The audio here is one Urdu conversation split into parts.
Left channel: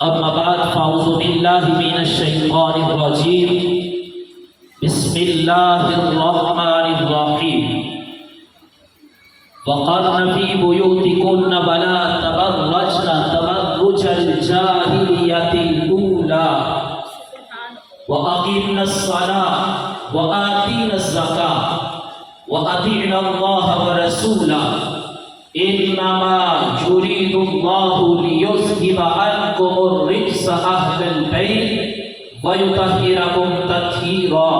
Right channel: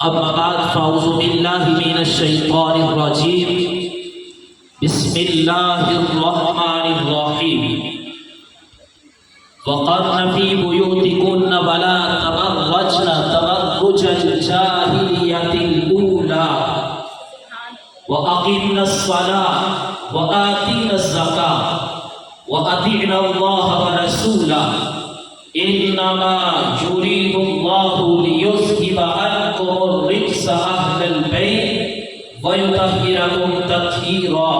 أما بعد فأعوذ بالله من الشيطان الرجيم بسم الله الرحمن الرحيم وقرن في بيوتكن ولا تبرجن تبرج الجاهلية الأولى وأقمنا الصلاة وآتينا الزكاة وأطعنا الله ورسوله إنما يريد الله ليذهب عنكم الرجس أهل البيت ويطهركم تطهيرا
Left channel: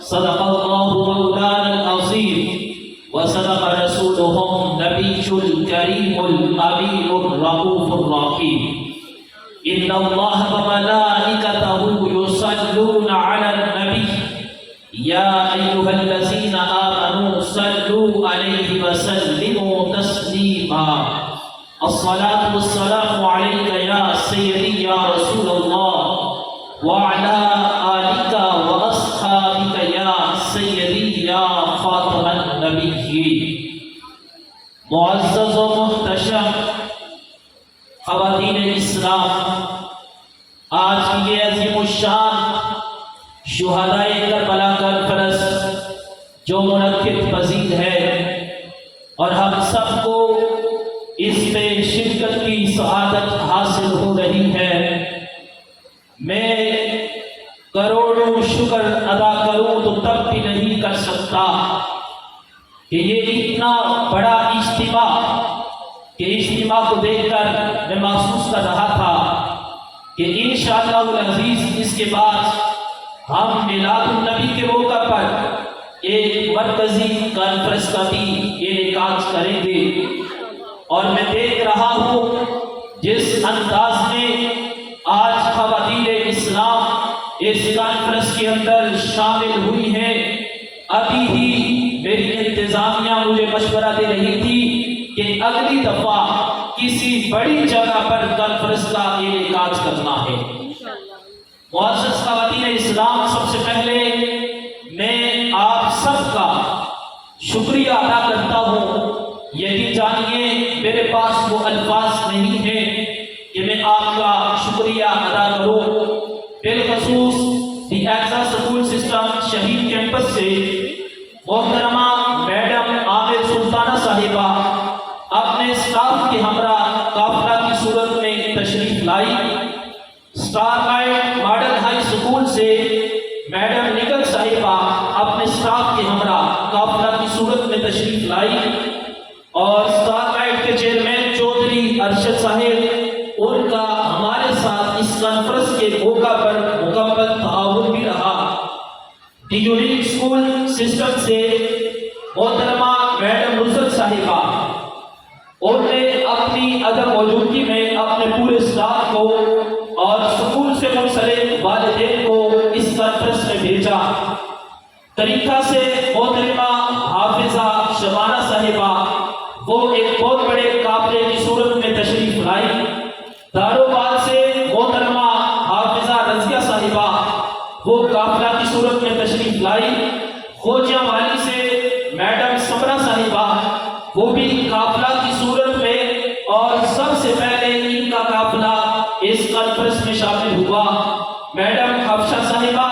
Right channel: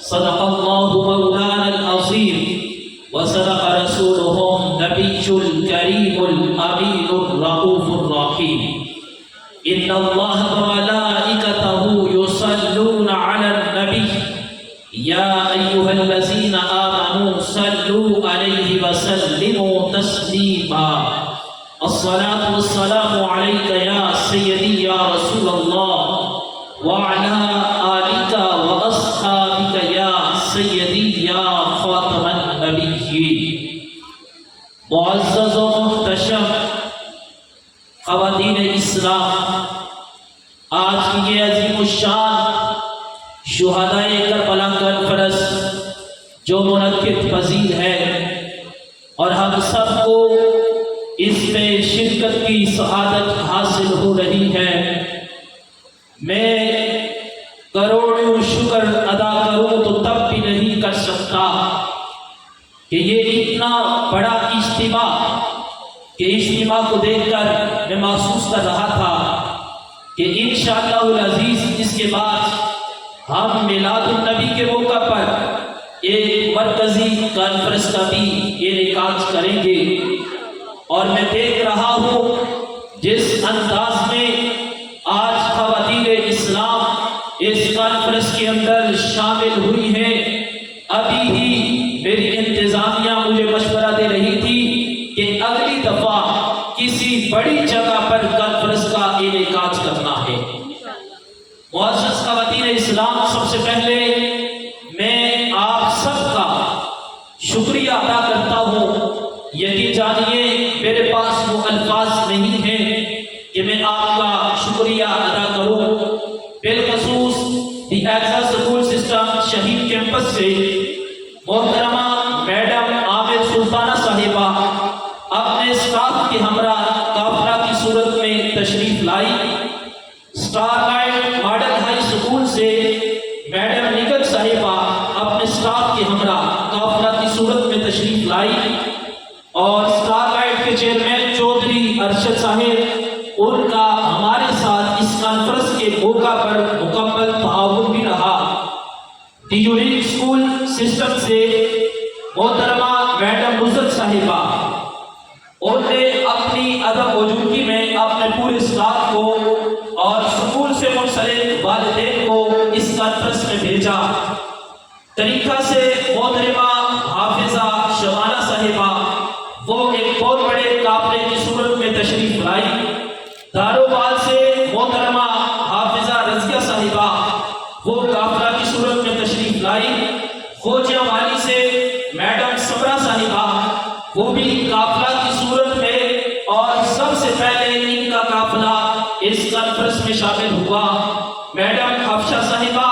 صدق الله مولانا العظيم وصدق رسوله النبي الكريم الأمين الرؤوف الرحيم إن الله وملائكته يصلون على النبي يا أيها الذين آمنوا صلوا عليه وسلموا تسليما الصلاة والسلام عليك يا سيدي يا رسول الله وعلى آلك وأصحابك يا سيدي يا خاتم النبيين معزز و محتشم خواتین اسلام، آج کی یہ عظیم الشان شہدائے کربلا کانفرنس جو منعقد پذیر ہے اور ہم سب کو اس میں شرکت کی سعادت حاصل ہو رہی ہے، میں کروڑوں شکر ادا کروں تو تب بھی نہیں کر سکتا کہ یہ اتنا بڑا اجتماع کہ اجتماع کو دیکھ کر میں محسوس کر رہا تھا کہ انشاءاللہ العزیز اس کے بعد ہم میلاد النبی کے موقع پر ایک مرکزی کانفرنس کا بھی انعقاد کریں گے، اور میں دیکھ رہا ہوں جس انداز میں آج خواتین اسلام اس کانفرنس کے اندر شامل ہوئی ہے، ابھی ہی میری انتظامیہ مجھے مشورہ دے رہی تھی کہ اگلی دفعہ کسی بڑی جگہ پر کانفرنس کا انعقاد کرنا ہے۔ معزز خواتین اسلام، سب سے پہلے میں آپ سب کا شکریہ ادا کرتا ہوں۔ یقین جانیے میرے پاس وہ الفاظ نہیں ہیں کہ میں آپ کا شکریہ ادا کروں، بالخصوص دی ایگزا سکول سسٹم شہید کیمپس سے محترمہ میڈم عامر سلطانہ صاحبہ اپنے اسٹاف کے ہمراہ قافلہ کی صورت میں تشریف لائی۔ Star light model high school سے میڈم نگت صاحبہ اپنے اسٹاف کے ہمراہ قافلہ کی صورت میں تشریف لائی، اور اسٹار لائٹ کے چیئرمین چودھری ارشد صاحب، ان کا ہمارے ساتھ اس کانفرنس کے موقع پر مکمل تعاون بھی رہا۔ دی یونیک اسکول سسٹم سے محترمہ میڈم نصرت صاحبہ، انہوں نے اپنی عدم موجودگی میں اپنے پورے اسٹاف کو اور سکول سے منسلک والدین کو اس کانفرنس میں بھیجا۔ طریقہ سے محترمہ حافظہ شبانہ صاحبہ، وہ ایک بہت بڑے قافلے کی صورت میں تشریف لائی۔ داروبال سے محترمہ حافظہ رضیہ صاحبہ، وہ قافلہ کی صورت میں تشریف لائی۔ خوجیاں والی سے میڈم سمرہ صاحبہ، وہ بھی قافلہ کی صورت میں، اور سب سے پہلے ان کا قافلہ اس کانفرنس میں شامل ہوا۔ میڈم حفشہ صاحبہ،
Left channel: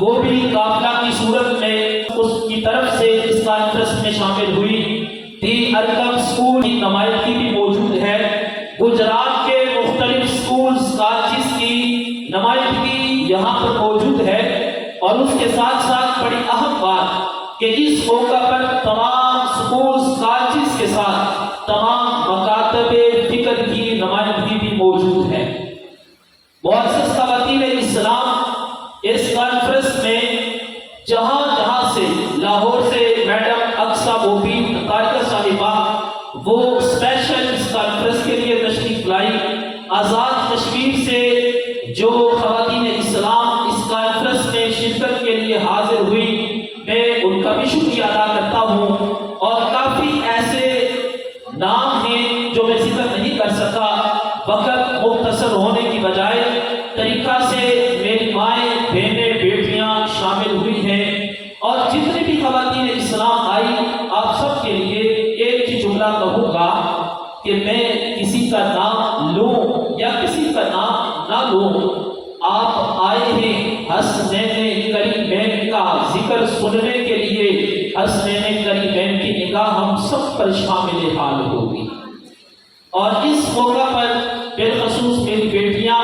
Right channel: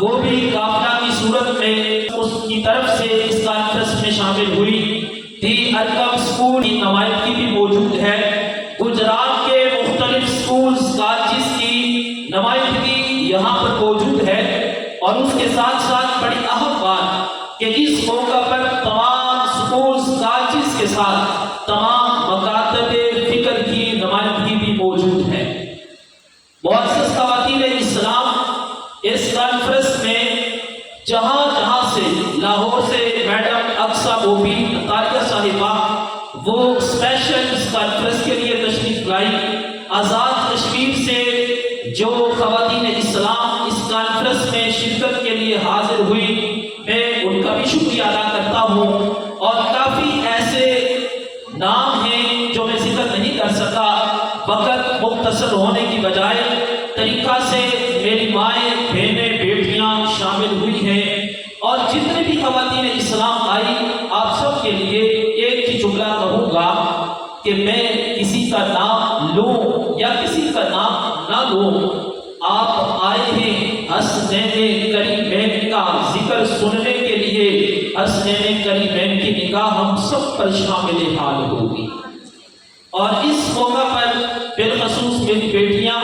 وہ بھی قافلہ کی صورت میں اس کی طرف سے اس کانفرنس میں شامل ہوئی۔ دی ارکم اسکول کی نمائندگی بھی موجود ہے۔ گجرات کے مختلف اسکولز کالجز کی نمائندگی یہاں پر موجود ہے، اور اس کے ساتھ ساتھ بڑی اہم بات کہ اس موقع پر تمام اسکولز کالجز کے ساتھ تمام مکاتب فکر کی نمائندگی بھی موجود ہے۔ معزز خواتین اسلام، اس کانفرنس میں جہاں جہاں سے، لاہور سے میڈم اقصی مبین طاریہ صاحبہ، وہ اسپیشل اس کانفرنس کے لیے تشریف لائی۔ آزاد کشمیر سے جو خواتین اسلام اس کانفرنس میں شرکت کے لیے حاضر ہوئی، میں ان کا بھی شکریہ ادا کرتا ہوں، اور کافی ایسے نام ہیں جو میں ذکر نہیں کر سکا، وقت مختصر ہونے کی بجائے۔ طریقہ سے میری مائیں، بہنیں، بیٹیاں شامل ہوئی ہیں، اور جتنے بھی خواتین اسلام آئی، آپ سب کے لیے ایک ہی جملہ کہوں گا کہ میں کسی کا لو آپ آئے ہیں حسنین کریمین کا ذکر سننے کے لیے، حسنین کریمین کی نگاہ ہم سب پر شامل حال ہوگی۔ اور اس موقع پر بالخصوص میری بیٹیاں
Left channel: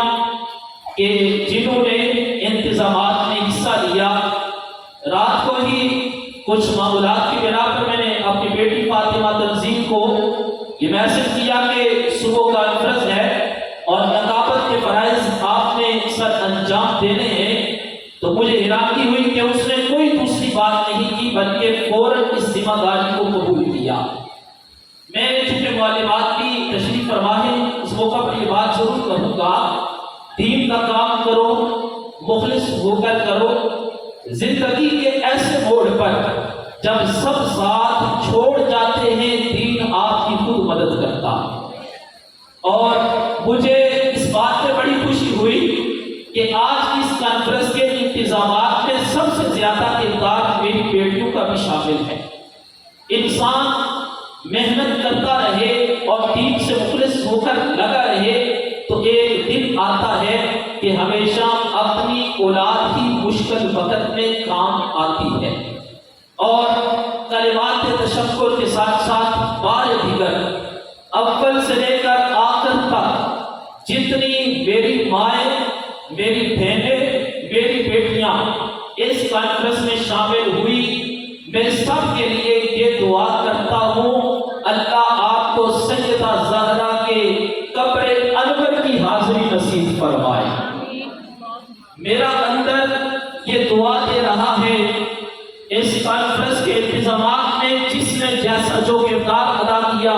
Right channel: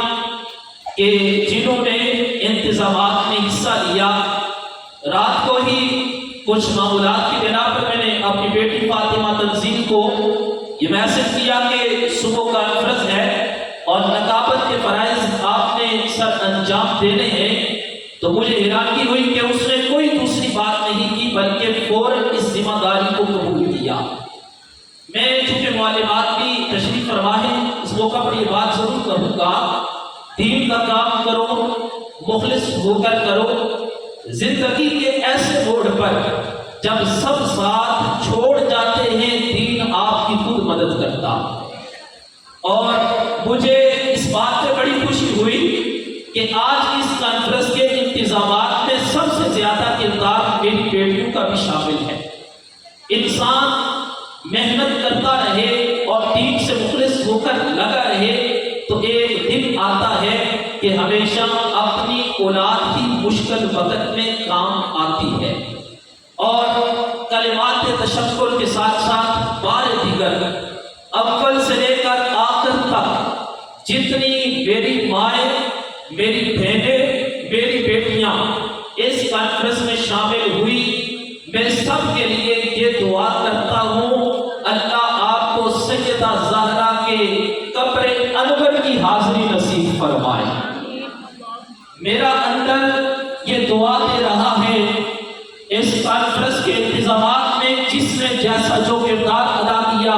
کہ جنہوں نے انتظامات میں حصہ لیا، رات کو ہی کچھ معمولات کی بنا پر میں نے اپنی بیٹی فاطمہ تنظیم کو یہ میسج کیا کہ صبح کانفرنس ہے اور نقابت کے فرائض آپ نے سر انجام دینے ہیں، تو مجھے حیرانی ہوئی کہ اس نے کوئی دوسری بات نہیں کی بلکہ فوراً اس ذمہ داری کو قبول کیا۔ میں چونکہ معلومات بھی تشریف فرما ہے، اس موقع پر یہ بات ضرور کروں گا، دین کا کام کرو، مخلص ہو کر کرو۔ زندگی کے ایسے موڑ پر جب سب ساتھ چھوڑ جاتے ہیں، دین آپ کی خود مدد کرتا۔ اور مجھے اس بات پہ بڑی خوشی ہوئی کہ آج اس کانفرنس کے انتظامات میں سب سے زیادہ کردار میری بیٹیوں کا بھی شامل ہے۔ انسان محنت کرتا رہے اور ٹیم سے مخلص ہو کر لگا رہے تو ایک دن آتا ہے کہ ہمیشہ اپنی اولاد کی مشکل وقت میں کام آتی ہے۔ اور کلمات تشکر کے ساتھ ساتھ بار دیگر اول سے لے کر آخر تک جتنی میری مائیں، میری بہنیں، میری بیٹیاں اس کانفرنس میں شامل ہوئی، میں سب کے لیے یہ دعا کرتا ہوں اللہ آپ کو سیدہ زہرا کے قبر انور کی حاضری نصیب فرمائے۔ میرا اندر یہ دعا دے رہا ہے اس کانفرنس کے انتظامات میں جس نے جیسا جو کردار ادا کیا،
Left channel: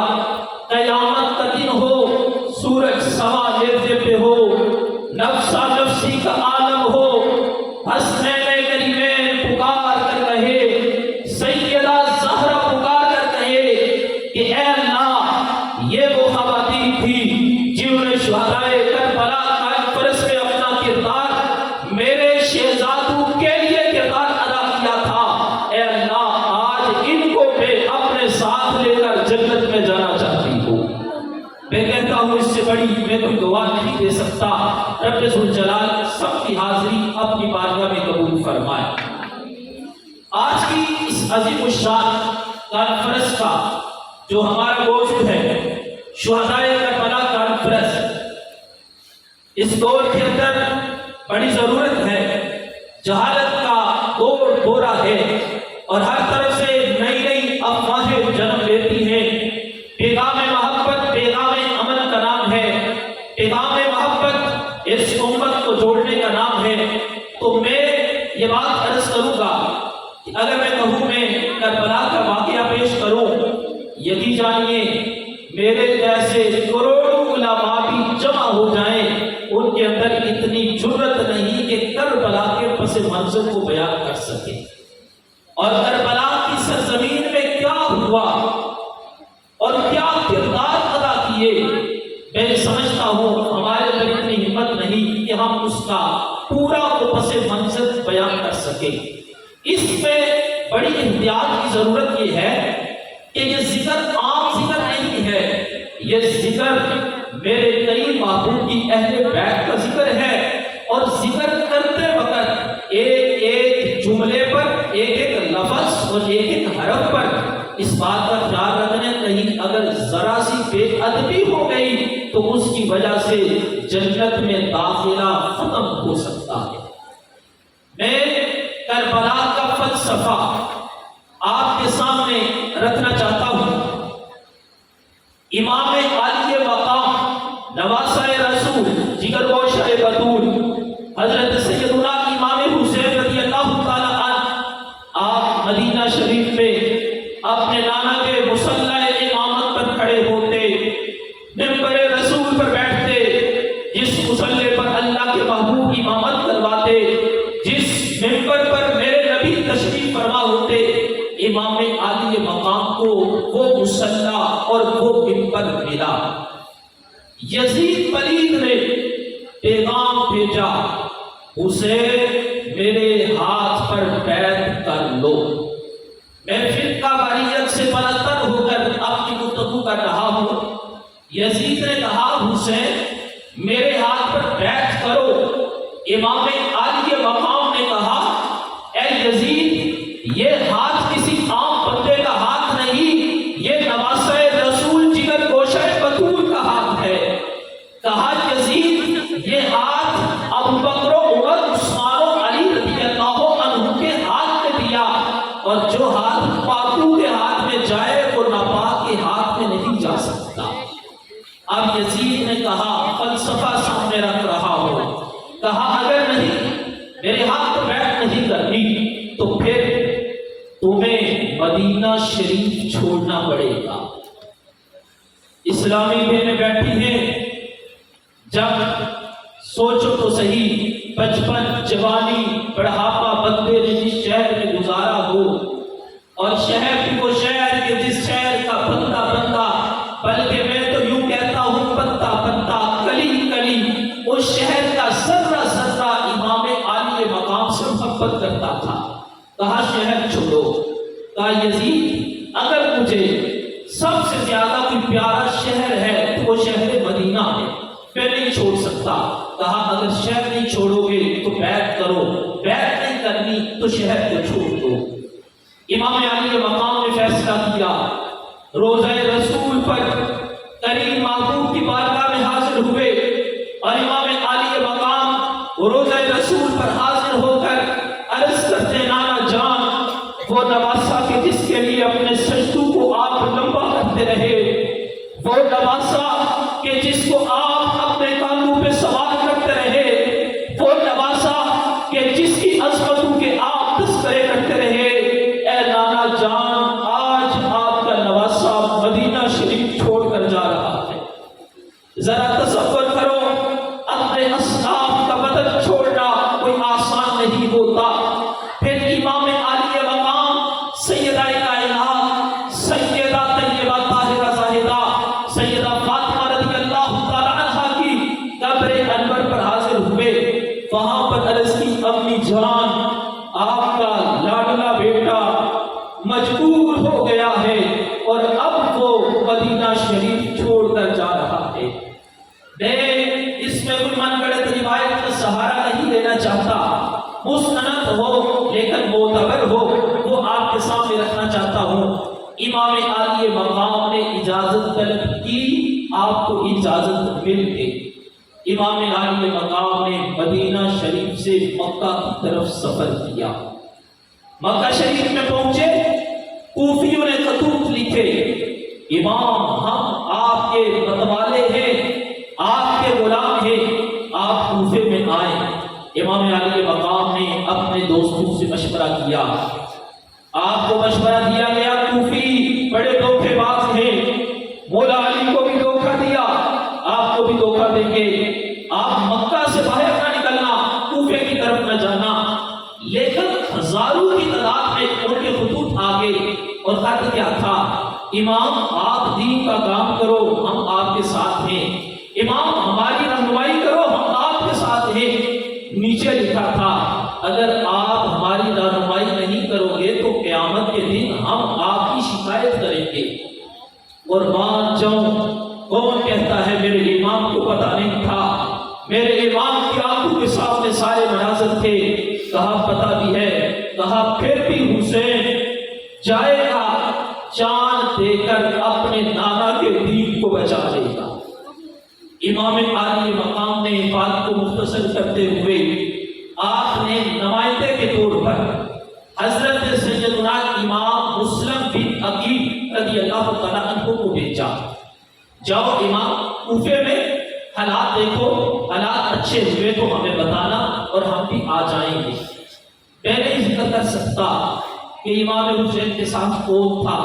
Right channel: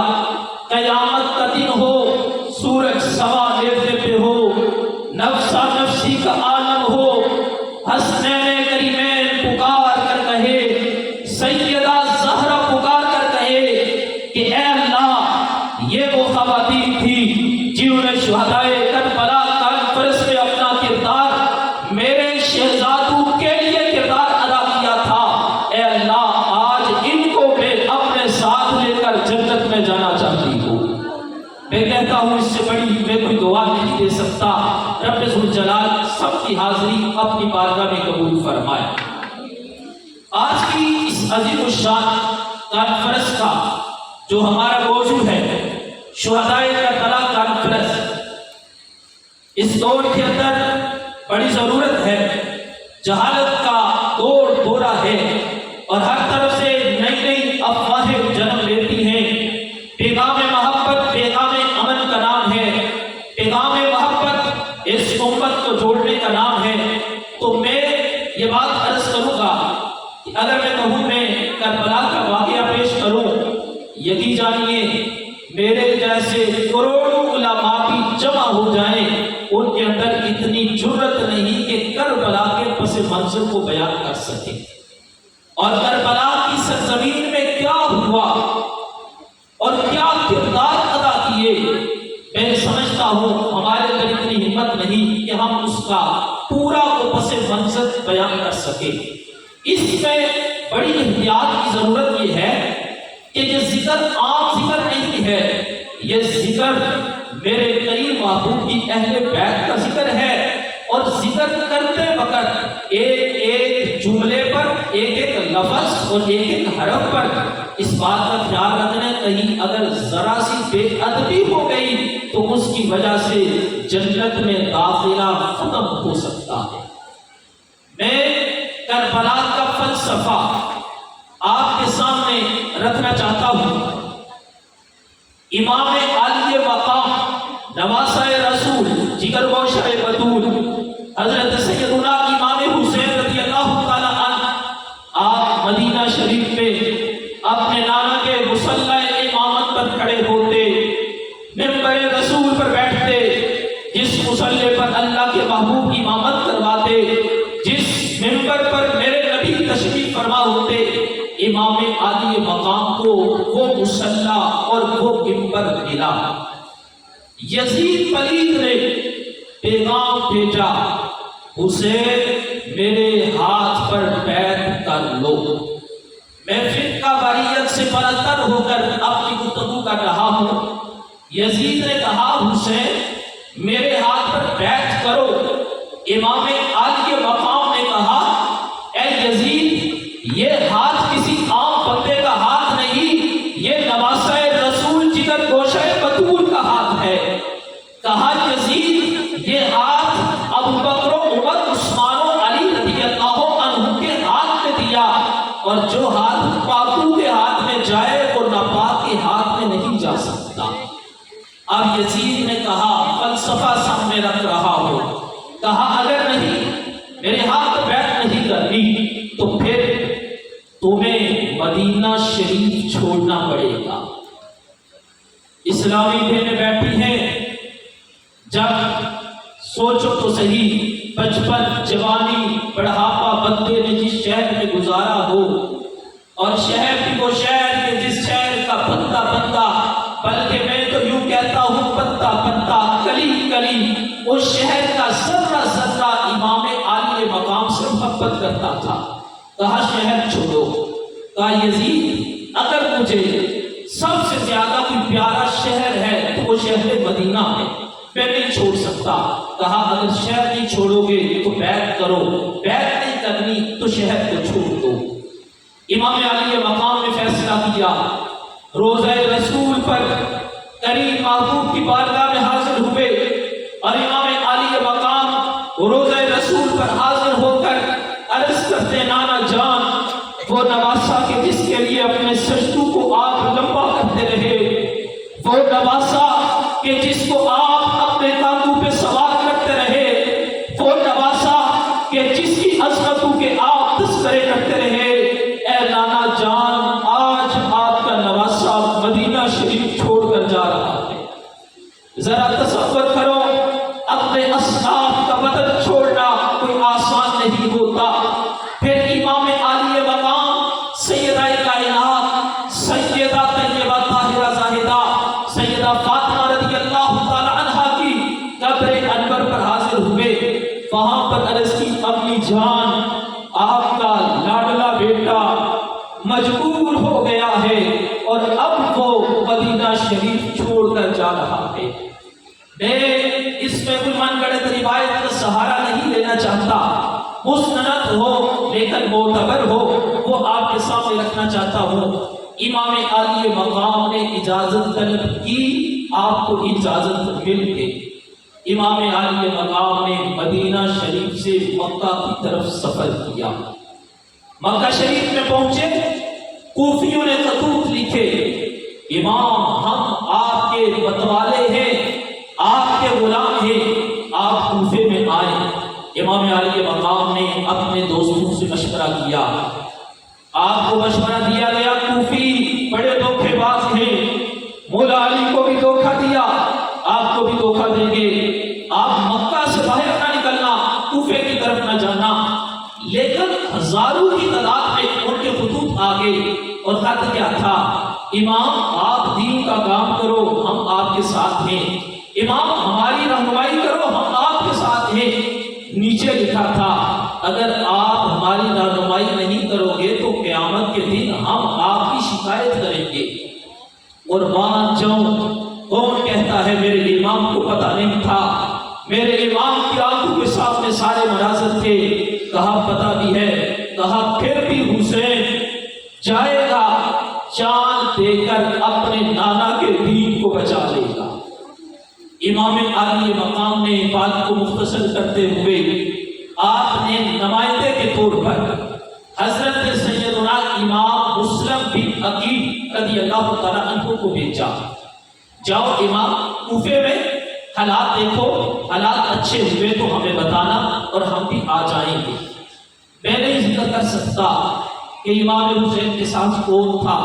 قیامت کا دن ہو، سورج سوا لیتے پہ ہو، نفسا نفسی کا عالم ہو، حسنین کریمین پکار کر کہے، سیدہ زہرا پکار کر کہے کہ اے اللہ یہ وہ خواتین تھی جنہوں نے شہدائے کربلا کانفرنس میں اپنا کردار میرے شہزادوں کے لیے کردار ادا کیا تھا، اے اللہ آج ان کو میں اپنے ساتھ لے کر جنت میں جانا چاہتی ہوں۔ میں کہتا ہوں اس سے بڑی میں کوئی دعا نہیں دے سکتا، رب ذوالجلال سب کی حاضری اپنی بارگاہ میں قبول فرمائے۔ آج کی اس عظیم الشان کانفرنس کا جو ہمارا موضوع ہے شہدائے کربلا کانفرنس، اس دور کے اندر بڑی ضرورت ہے، جہالت کا دور دورہ ہے اور ہر طرف سے نئی نئی افواہیں جنم لیتی ہیں۔ پیغام محبت پیغام امن کا نام ہے، پیغام محبت اس امت کو جوڑنے کا نام ہے۔ تو میں یہ بات عرض کروں گا کہ اگر میں کہوں میں کربلا کا واقعہ پیش کروں، یقین جانیے میرے جیسے کروڑوں علماء بھی جمع ہو جائیں ان کے اندر اتنی جرت نہیں کہ کربلا کے پس منظر کو بیان کر سکے، اور کربلا کی سرزمین میں کیا ہوا اور کیا کردار ادا کیے، میں سمجھتا ہوں ہمارے اندر اتنی ہمت نہیں کہ ہم اس کا پورا کو پس منظر بیان کر سکے۔ اس میں بڑی احتیاط کی ضرورت یہ ہے کہ یہ ذکر عام ذکر نہیں ہے، یہ ذکر میرے کئی محبوب کی اہل بیت کا ذکر ہے، اور ذکر کرتے وقت ایک ایک جملے پر، ایک ایک لفظ اور ایک ایک حرف پر اس بات کا خیال رکھنا، کہیں اگر ذرا سی بے ادبی ہو گئی تو اس کی وجہ سے جنت میں داخلہ ختم ہو سکتا ہے۔ میں کربلا کا فلسفہ آپ کے سامنے رکھنا چاہتا ہوں۔ امام عالی مقام نواسہ رسول جگر گوشہ بطول حضرت سیدنا امام حسین رضی اللہ تعالیٰ عنہ، آپ مدینہ شریف میں اپنے نانا کے مصلی امامت پر کھڑے ہوتے، منبر رسول پر بیٹھتے، جس مصلی پر اللہ کے محبوب کی امامت کرواتے، جس منبر پر میرے نبی تشریف فرما ہوتے، امام عالی مقام کو وہ مصلی اور وہ منبر ملا۔ یزید پلید نے پیغام بھیجا، حسین میرے ہاتھ پر بیعت کر لو۔ میں فرقہ واریت سے برتر ہو کر اپنی گفتگو کر رہا ہوں۔ یزید نے کہا حسین میرے ہاتھ پر بیعت کرو۔ امام عالی مقام نے کہا اے یزید، یہ ہاتھ کسی عام بندے کا ہاتھ نہیں، یہ نواسہ رسول جگر گوشہ بطول کا ہاتھ ہے۔ کہا یزید یہ ہاتھ ابو بکر و عمر عثمان و علی رضی اللہ عنہ کے ہاتھ میں دیا، اور جو ہاتھ پاکوں کے ہاتھ میں جائے وہ ناپاک کے ہاتھ میں نہیں جا سکتا۔ اب یزید نے کہا فلسفہ سامنے رکھ رہا ہو، کہا اگر نہیں میرے ہاتھ پر بیعت نہیں کرنی تو پھر تمہیں مدینہ شریف چھوڑنا پڑے گا۔ اسلامی بہنیں بیٹھی ہیں، جب سوچو تو صحیح، بچپن، جوانی، بڑھاپا بندے نے جس شہر میں گزارا ہو، اور شہر بھی وہ شہر کے جس شہر کا بندہ بندہ، بلکہ میں تو یوں کہتا ہوں پتا پتا، کلی کلی، اس شہر کا ذرہ ذرہ امام عالی مقام سے محبت کرتا تھا۔ کہا شہر چھوڑو۔ کہا یزید اگر مجھے سب سے زیادہ کوئی پیارا شہر ہے تو وہ شہر مدینہ ہے، میں نہیں چھوڑ سکتا۔ کہا اگر شہر نہیں چھوڑو گے تو بیعت کرو، بیعت نہیں کرنی تو شہر کو چھوڑ دو۔ امام علی مقام نے فیصلہ کیا، روزہ رسول پر کریم محبوب کی بارگاہ میں حاضر ہوئے، اور امام علی مقام روزہ رسول پر حاضر ہو کر عرض کرتے نانا جان، وہ نواسہ کے جس کے لیے اپنے سجدوں کو آپ لمبا کرتے رہے، وہ نواسہ کہ جس کو آپ اپنے کاندھوں پہ سوار کرتے رہے، وہ نواسہ کہ جس کی عظمتوں کے آپ تذکرے کرتے رہے، اے نانا جان آج آپ کا نواسہ مدینہ شریف چھوڑ کر جا رہا ہے۔ ذرا تصور کرو، اپنے اصحاب کا وطن چھوڑنا کوئی آسان نہیں ہوتا۔ پھر امام عالی مقام سیدہ کائنات، سیدہ طیبہ طاہرہ زاہدہ، سیدہ فاطمہ رضی اللہ تعالی عنہا کی قبر انور پر حاضر ہوئے۔ وہاں پر عرض کی امی جان آپ کا لاڈلا بیٹا مجبور ہو گیا ہے اور اب وہ مدینہ شریف چھوڑ کر جا رہا ہے۔ میں اس میں کوئی من گڑت روایت کا سہارا نہیں لینا چاہتا، مستند ہو لیکن معتبر ہو وہ آپ کے سامنے رکھنا چاہتا ہوں۔ امام عالی مقام نے اجازت طلب کی، آپ کو اجازت مل گئی۔ امام عالی مقام نے مدینہ شریف سے مکہ کی طرف سفر کیا۔ مکہ شریف میں پہنچے، کوفیوں نے خطوط لکھے، امام ہم آپ کے متوالے ہیں، آپ کے غلام ہیں، آپ کوفے میں آئے۔ امام علی مقام نے اپنے دوستوں سے مشورہ کیا، آپ کو مشورہ دیا گیا کوفی بڑے دھوکے باز ہیں، مولا علی کو بھی دھوکہ دیا، آپ کو بھی دھوکہ دیں گے، آپ مکہ سے باہر نہ نکلنا، کوفے کی طرف نہ جانا۔ لیکن ہزاروں کی تعداد میں ان کے خطوط آگے، اور خط کیا تھا، امام آپ دین کا کام کرو ہم آپ کے ساتھ ہیں، امام ہماری رہنمائی کرو ہم آپ کے ساتھ ہیں۔ نیچے لکھا تھا اگر آپ ہماری رہنمائی نہیں کرو گے تو قیامت کے دن ہم آپ کی شکایت کریں گے۔ قربان جاؤں، کون کہتا ہے میرے امام کو پتہ نہیں تھا؟ میرے امام کی آنکھوں کے سامنے سارے مناظر تھے۔ کہا پتہ بھی ہے، کہا پھر بھی حسین جائے گا چاند دے کر اپنے نانا کے دین کو بچا لے گا۔ امام عالی مقام نے بات کو مختصر کرتے ہوئے آپ نے نمائندے کے طور پر حضرت سیدنا امام مسلم بن عقیل رضی اللہ تعالیٰ عنہ کو بھیجا، جاؤ امام کوفے میں حالات دیکھو، حالات اچھے ہوئے تو ہمیں بتانا اور ہم بھی آ جائیں گے۔ میں نہیں ذکر کر سکتا کہ امام حسین کے ساتھ کون تھا،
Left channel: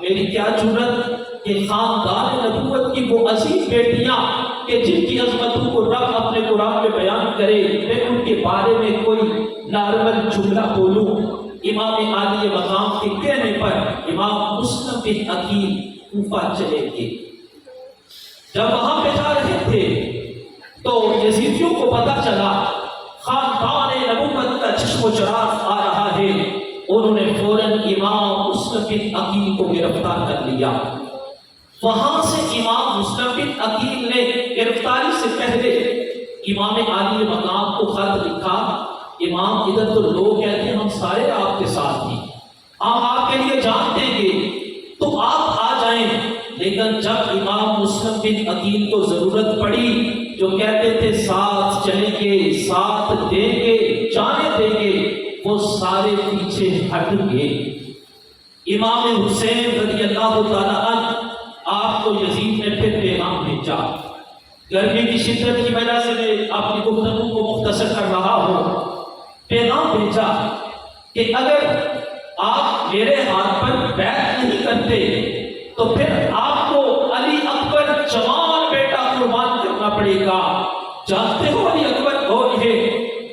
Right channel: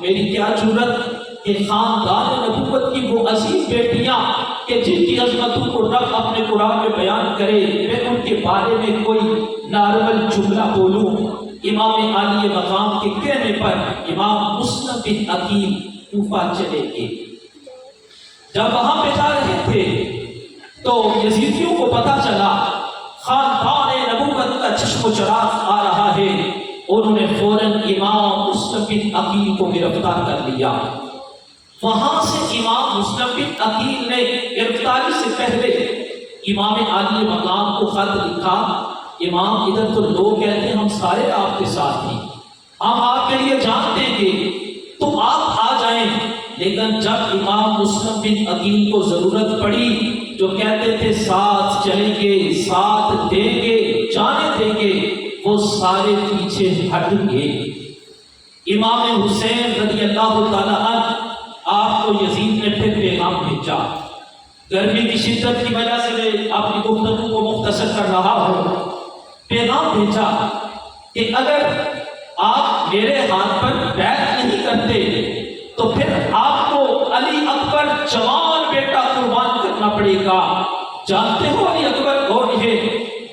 میری کیا جرت کہ خاندان نبوت کی وہ عظیم بیٹیاں کہ جن کی عظمتوں کو رب اپنے قرآن میں بیان کرے، میں ان کے بارے میں کوئی نارمل جملہ بولوں۔ امام عالی مقام کے کہنے پر امام مسلم بن عقیل کوفہ چلے گئے۔ جب وہاں پہ جا رہے تھے تو یزیدیوں کو پتہ چلا خاندان نبوت کا چشم و چراغ آ رہا ہے، انہوں نے فوراً امام مسلم بن عقیل کو گرفتار کر لیا۔ وہاں سے امام مسلم بن عقیل نے گرفتاری سے پہلے امام عالی مقام کو خط لکھا، امام ادھر تو لوگ کہتے ہیں ہم سارے آپ کے ساتھ ہیں، ہم آپ کے لیے جان دیں گے تو آپ آ جائیں، لیکن جب امام مسلم بن عقیل کو ضرورت پڑی، جو کہتے تھے ساتھ چلیں گے، ساتھ دیں گے، جانے دیں گے، وہ سارے پیچھے ہٹ گئے۔ امام حسین رضی اللہ تعالیٰ عنہ آپ کو یزید نے پھر پیغام بھیجا۔ گرمی کی شدت کی وجہ سے میں اپنی گفتگو کو مختصر کر رہا ہوں۔ پیغام بھیجا کہ اگر آپ میرے ہاتھ پر بیعت نہیں کرتے تو پھر آپ کو علی اکبر جوان بیٹا قربان کرنا پڑے گا۔ جانتے ہو علی اکبر کون ہے؟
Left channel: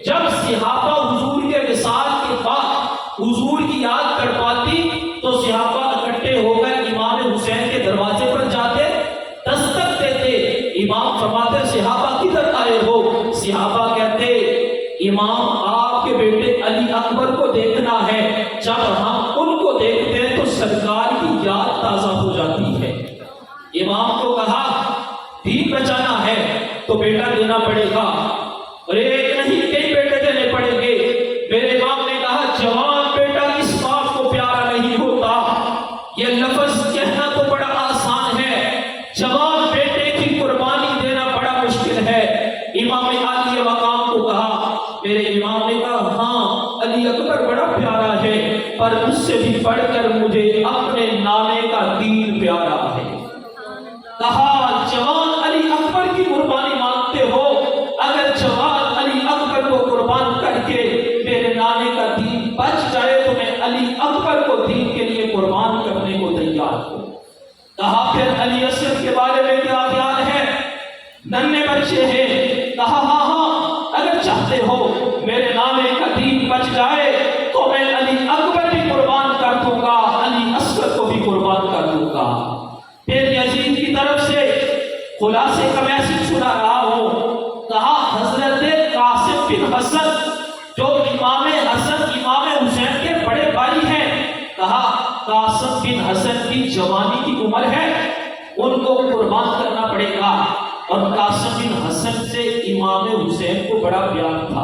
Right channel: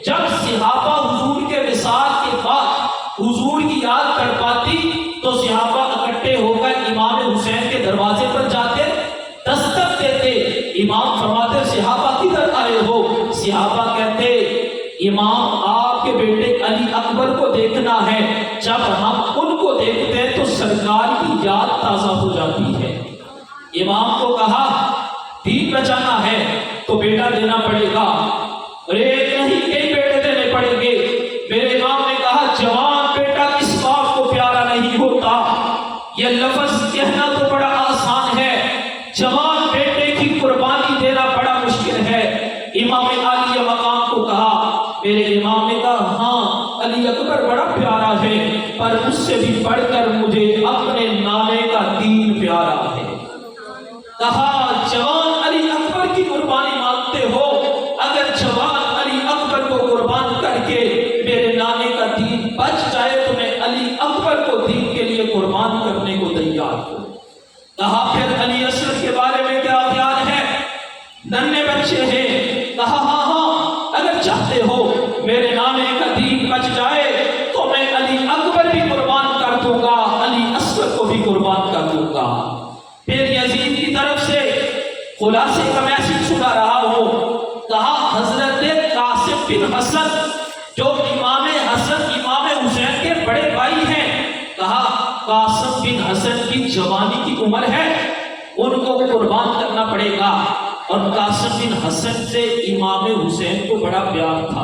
جب صحابہ حضور کے وصال کے بعد حضور کی یاد کر پاتی تو صحابہ اکٹھے ہو کر امام حسین کے دروازے پر جاتے، دستک دیتے، امام فرماتے صحابہ کدھر آئے ہو؟ صحابہ کہتے امام آپ کے بیٹے علی اکبر کو دیکھنا ہے، جب ہم ان کو دیکھتے ہیں تو سرکار کی یاد تازہ ہو جاتی ہے۔ امام کو کہا دین بچانا ہے تو بیٹا دینا پڑے گا، اور ایک نہیں کئی بیٹے دینے پڑیں گے۔ میرے امام نے کہا جوان بیٹا کس باپ کو پیارا نہیں ہوتا؟ یہ لفظ کہنا تو بڑا آسان ہے، جوان بیٹے کی قربانی دینا بڑا مشکل ہے۔ امام عالی مقام کو کہا، میرے امام نے کہا ہاں علی اکبر بڑا پیارا ہے، پر اس سے بھی بڑھ کر مجھے اپنے نانے کا دین پیارا ہے۔ کہا جوان علی اکبر کی قربانی مانگتے ہو، اگر جوان علی اکبر کو قربان کر کے میرے نانے کا دین بچ جائے تو میں علی اکبر کو دین کے لیے قربان کرنے کو تیار ہوں۔ کہا پھر علی اصغر کے بارے میں کیا خیال ہے؟ ننھے بچے ہیں۔ کہا ہاں اگر چاہتے ہو میرے نانے کا دین بچ جائے تو میں علی اکبر بھی قربان کر دوں گا، علی اصغر کو بھی قربان کر دوں گا۔ پھر یزید کی طرف سے خلاصے کا میسج سنا رہا ہوں۔ کہا حضرت قاسم بن حسن جو امام حسن امام حسین کے بڑے بھائی ہیں، کہا قاسم بن حسن کی جوانی کی عمر ہے، ان کو قربان کرنا پڑے گا۔ اور قاسم بن حسن سے امام حسین کو بڑا پیار تھا۔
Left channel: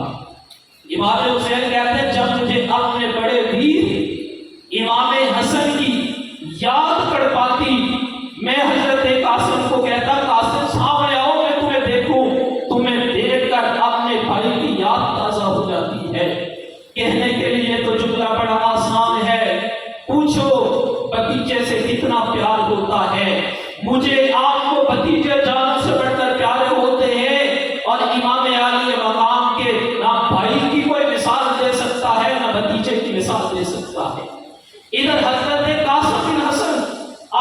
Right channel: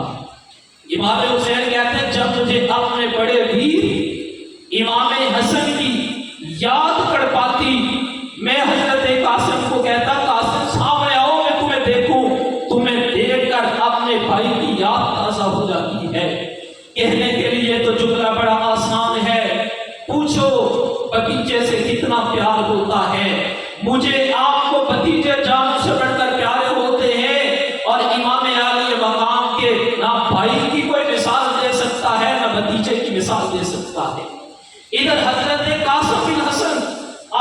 امام حسین کہتے ہیں جب مجھے اپنے بڑے ویر امام حسن کی یاد پڑ پاتی، میں حضرت قاسم کو کہتا قاسم سامنے آؤ میں تمہیں دیکھوں، تمہیں دیکھ کر اپنے بھائی کی یاد تازہ ہو جاتی ہے۔ کہنے کے لیے تو جملہ بڑا آسان ہے، پوچھو بتیجے سے کتنا پیار ہوتا ہے۔ مجھے آپ کو بتیجے جان سے بڑھ کر پیارے ہوتے ہیں، اور امام عالی مقام کے نہ بھائی کی کوئی مثال دے سکتا ہے نہ بتیجے کی مثال دے سکتا ہے۔ ادھر حضرت قاسم بن حسن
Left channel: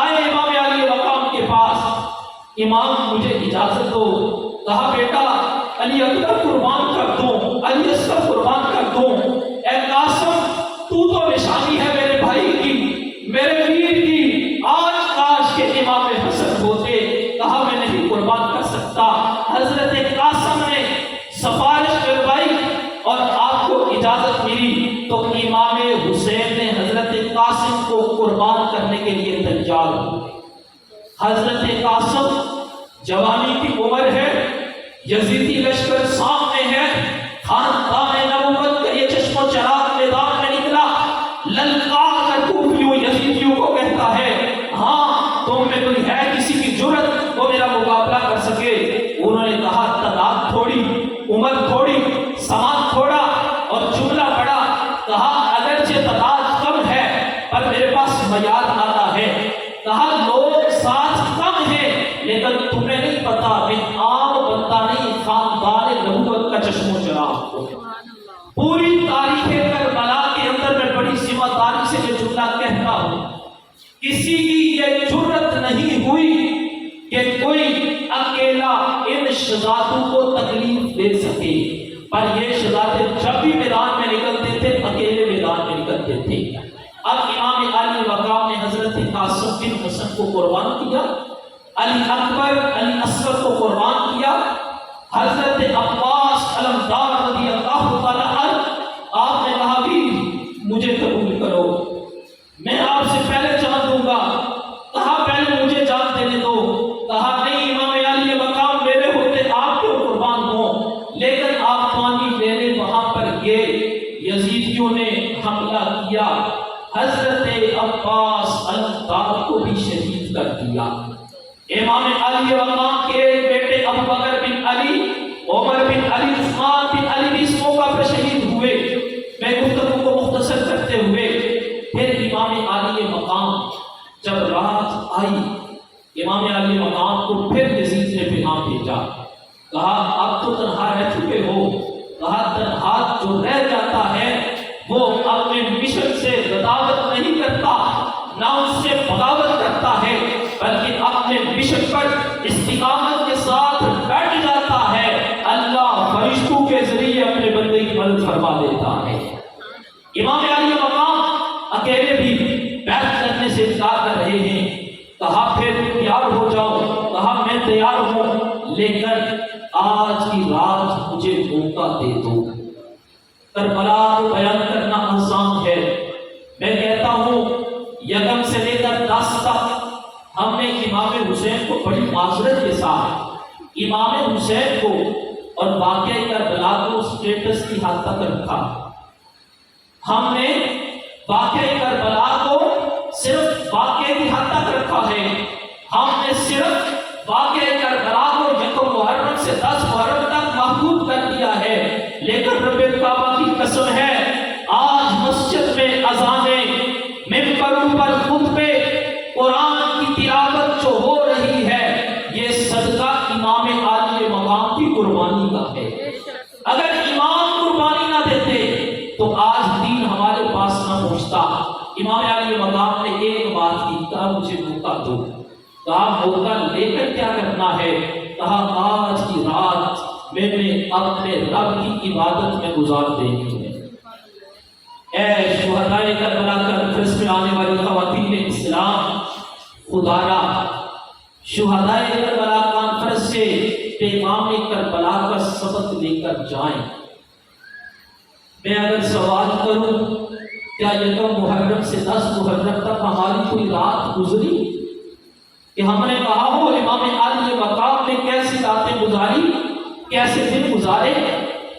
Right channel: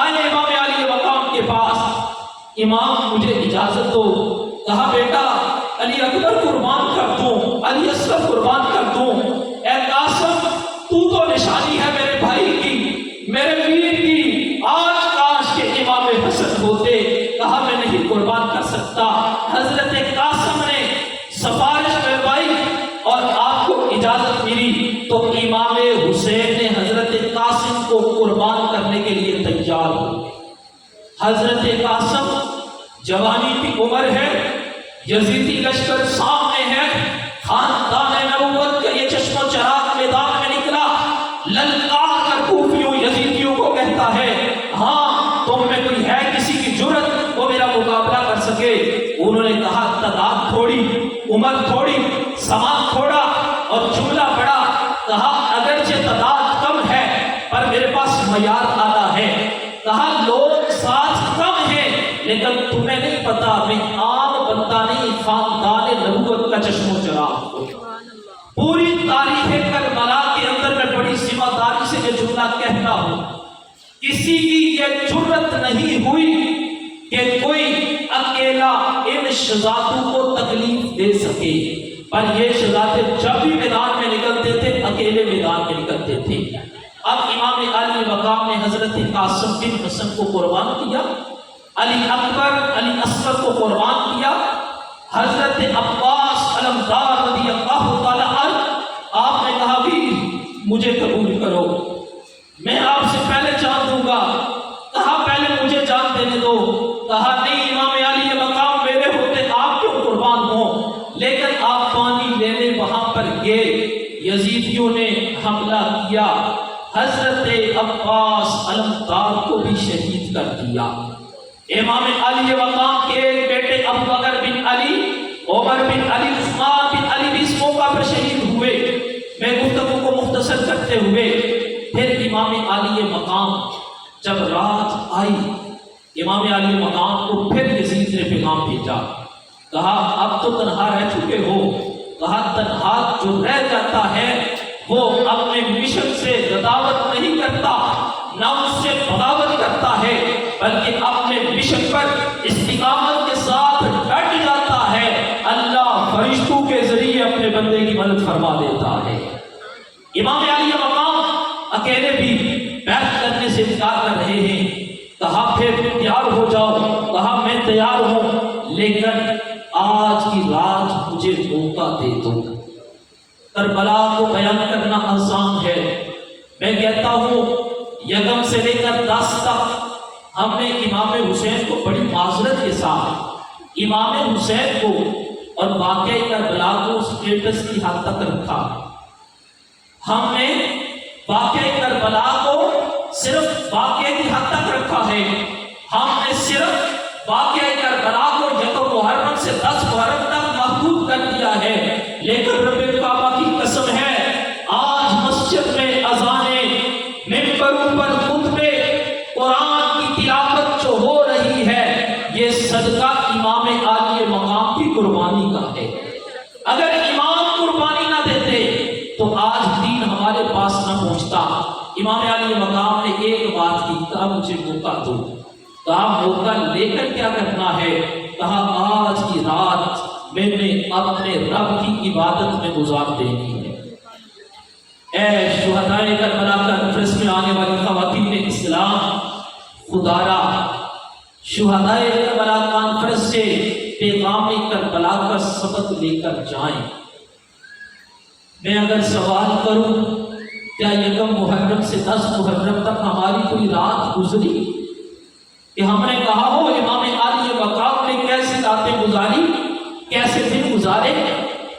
آئے امام عالی مقام کے پاس، امام مجھے اجازت دو۔ کہا بیٹا علی اکبر قربان کر دوں، علی اصغر قربان کر دوں۔ اے قاسم تو نشانی ہے میرے بھائی کی، میرے ویر کی، آج کاش کے امام حسن ہوتے۔ کہا میں نہیں قربان کر سکتا۔ حضرت قاسم نے سفارش کروائی اور آپ کو اجازت ملی تو امام حسین نے حضرت قاسم کو قربان کرنے کے لیے تیار ہوئے۔ حضرت قاسم جوانی کی عمر ہے، یزیدی لشکر سامنے ہے، خاندان نبوت کا یہ چشم و چراغ میدان میں نکلا، للکار کر کوفیوں یزیدیوں کو کہتا ہے ہاں تم میں کوئی ہے کسی کی جرت وہ میرا مقابلہ کر سکے؟ انہوں نے کہا تعداد تھوڑی، عمر تھوڑی، سامان تھوڑا اور جملہ بڑا۔ کہا اگرچہ تعداد کم ہے پر میرے پاس معیار آتا ہے۔ کہا لوگ ساتھ کم ہیں لیکن تمہیں نہیں پتا میں عام بندہ نہیں، خاندان نبوت کا چشم و چراغ ہوں۔ پوری تاریخ کربلا کے اندر میں بڑی ذمہ داری سے یہ جملہ کہتا ہوں، کسی کی یہ جرت نہیں ہوئی کہ کوئی اکیلا ان شہزادوں کو تکلیف دے سکے، پر یہ شہزادے جب بھی میدان میں نکلتے تھے اکیلے میدان میں نکلتے تھے۔ اب امام عالی مقام نے حضرت قاسم بن حسن کو قربان کیا، علی اکبر علی اصغر کو قربان کیا، حضرت عباس علمدار رضی اللہ تعالیٰ عنہ آپ نے کہا بھی مجھے قبول کرو، میں آپ سے پہلے جان دوں گا۔ کہا پہلے مجھے جان دینے یزیدیوں نے حملہ کیا، حضرت عباس علمدار کو بھی شہید کر دیا۔ امام علی مقام کے بیٹے ابو بکر بن علی، عمر بن علی، عثمان بن علی بھی اس موقع پر شہید ہوئے۔ میں گفتگو کو مختصر کرتے ہوئے پھر امام علی مقام جب رات آئی، امام علی مقام کو پھر یزید نے پیغام بھیجا، کہا اب تو تنہا رہ چکے ہو، کہا تنہا جو رہ جاتا ہے وہ اپنے مشن سے غداوت نہیں کرتا، نہ اس سے بغاوت کرتا ہے، بلکہ اپنے مشن پر استقامت کے ساتھ ڈٹ جاتا ہے۔ اللہ فرشتوں کے ذریعے اپنے بندے کی مدد فرما دیتا ہے۔ امام علی مقام اکیلے بھی بیعت کرنے سے انکار کر رہے ہیں، کہا پھر تیار ہو جاؤ، کہا میں تیار ہوں، لیکن آج کی رات مجھے موقع دے دو۔ کربلا کو بیان کرنا آسان ہے، میں کہتا ہوں یکم سے لے کر 10 تک ہم نے امام حسین کو بڑی معذرت کے ساتھ امام حسین کو اور واقعہ کربلا کو سٹیٹس کی حد تک رکھا۔ ہم نے واقعہ کربلا کو صرف واقعے کی حد تک رکھا ہے، ہم نے صرف واقعہ کربلا کو 1 محرم سے 10 محرم تک محدود کر دیا ہے، لیکن رب کعبہ کی قسم ہے آج مسجد میں اذانیں، ممبروں پر خطبے، قرآن کی تلاوت جو ہو رہی ہے، یہ صدقہ امام علی مقام کی قربانی کا ہے۔ اگر امام قربانی نہ دیتے تو آج دین ہمارے پاس نہ پہنچتا۔ امام علی مقام نے ایک بات کی، کہا مجھے موقع دو، کہا موقع لے کر کیا کرنا ہے، کہا آج کی رات میں نے اپنے رب کی عبادت میں گزار دینی ہے۔ اے شہدائے کربلا کانفرنس میں آنے والی خواتین اسلام، خدا را شہدائے کربلا کانفرنس سے پیغام کربلا کا سبق لے کر جائیں۔ میں اگر سوال کروں کیا 1 محرم سے 10 محرم تک ہماری کوئی رات گزری کہ ہم نے کہا ہو امام علی مقام نے کیسی راتیں گزاری، کیسے دن گزارے؟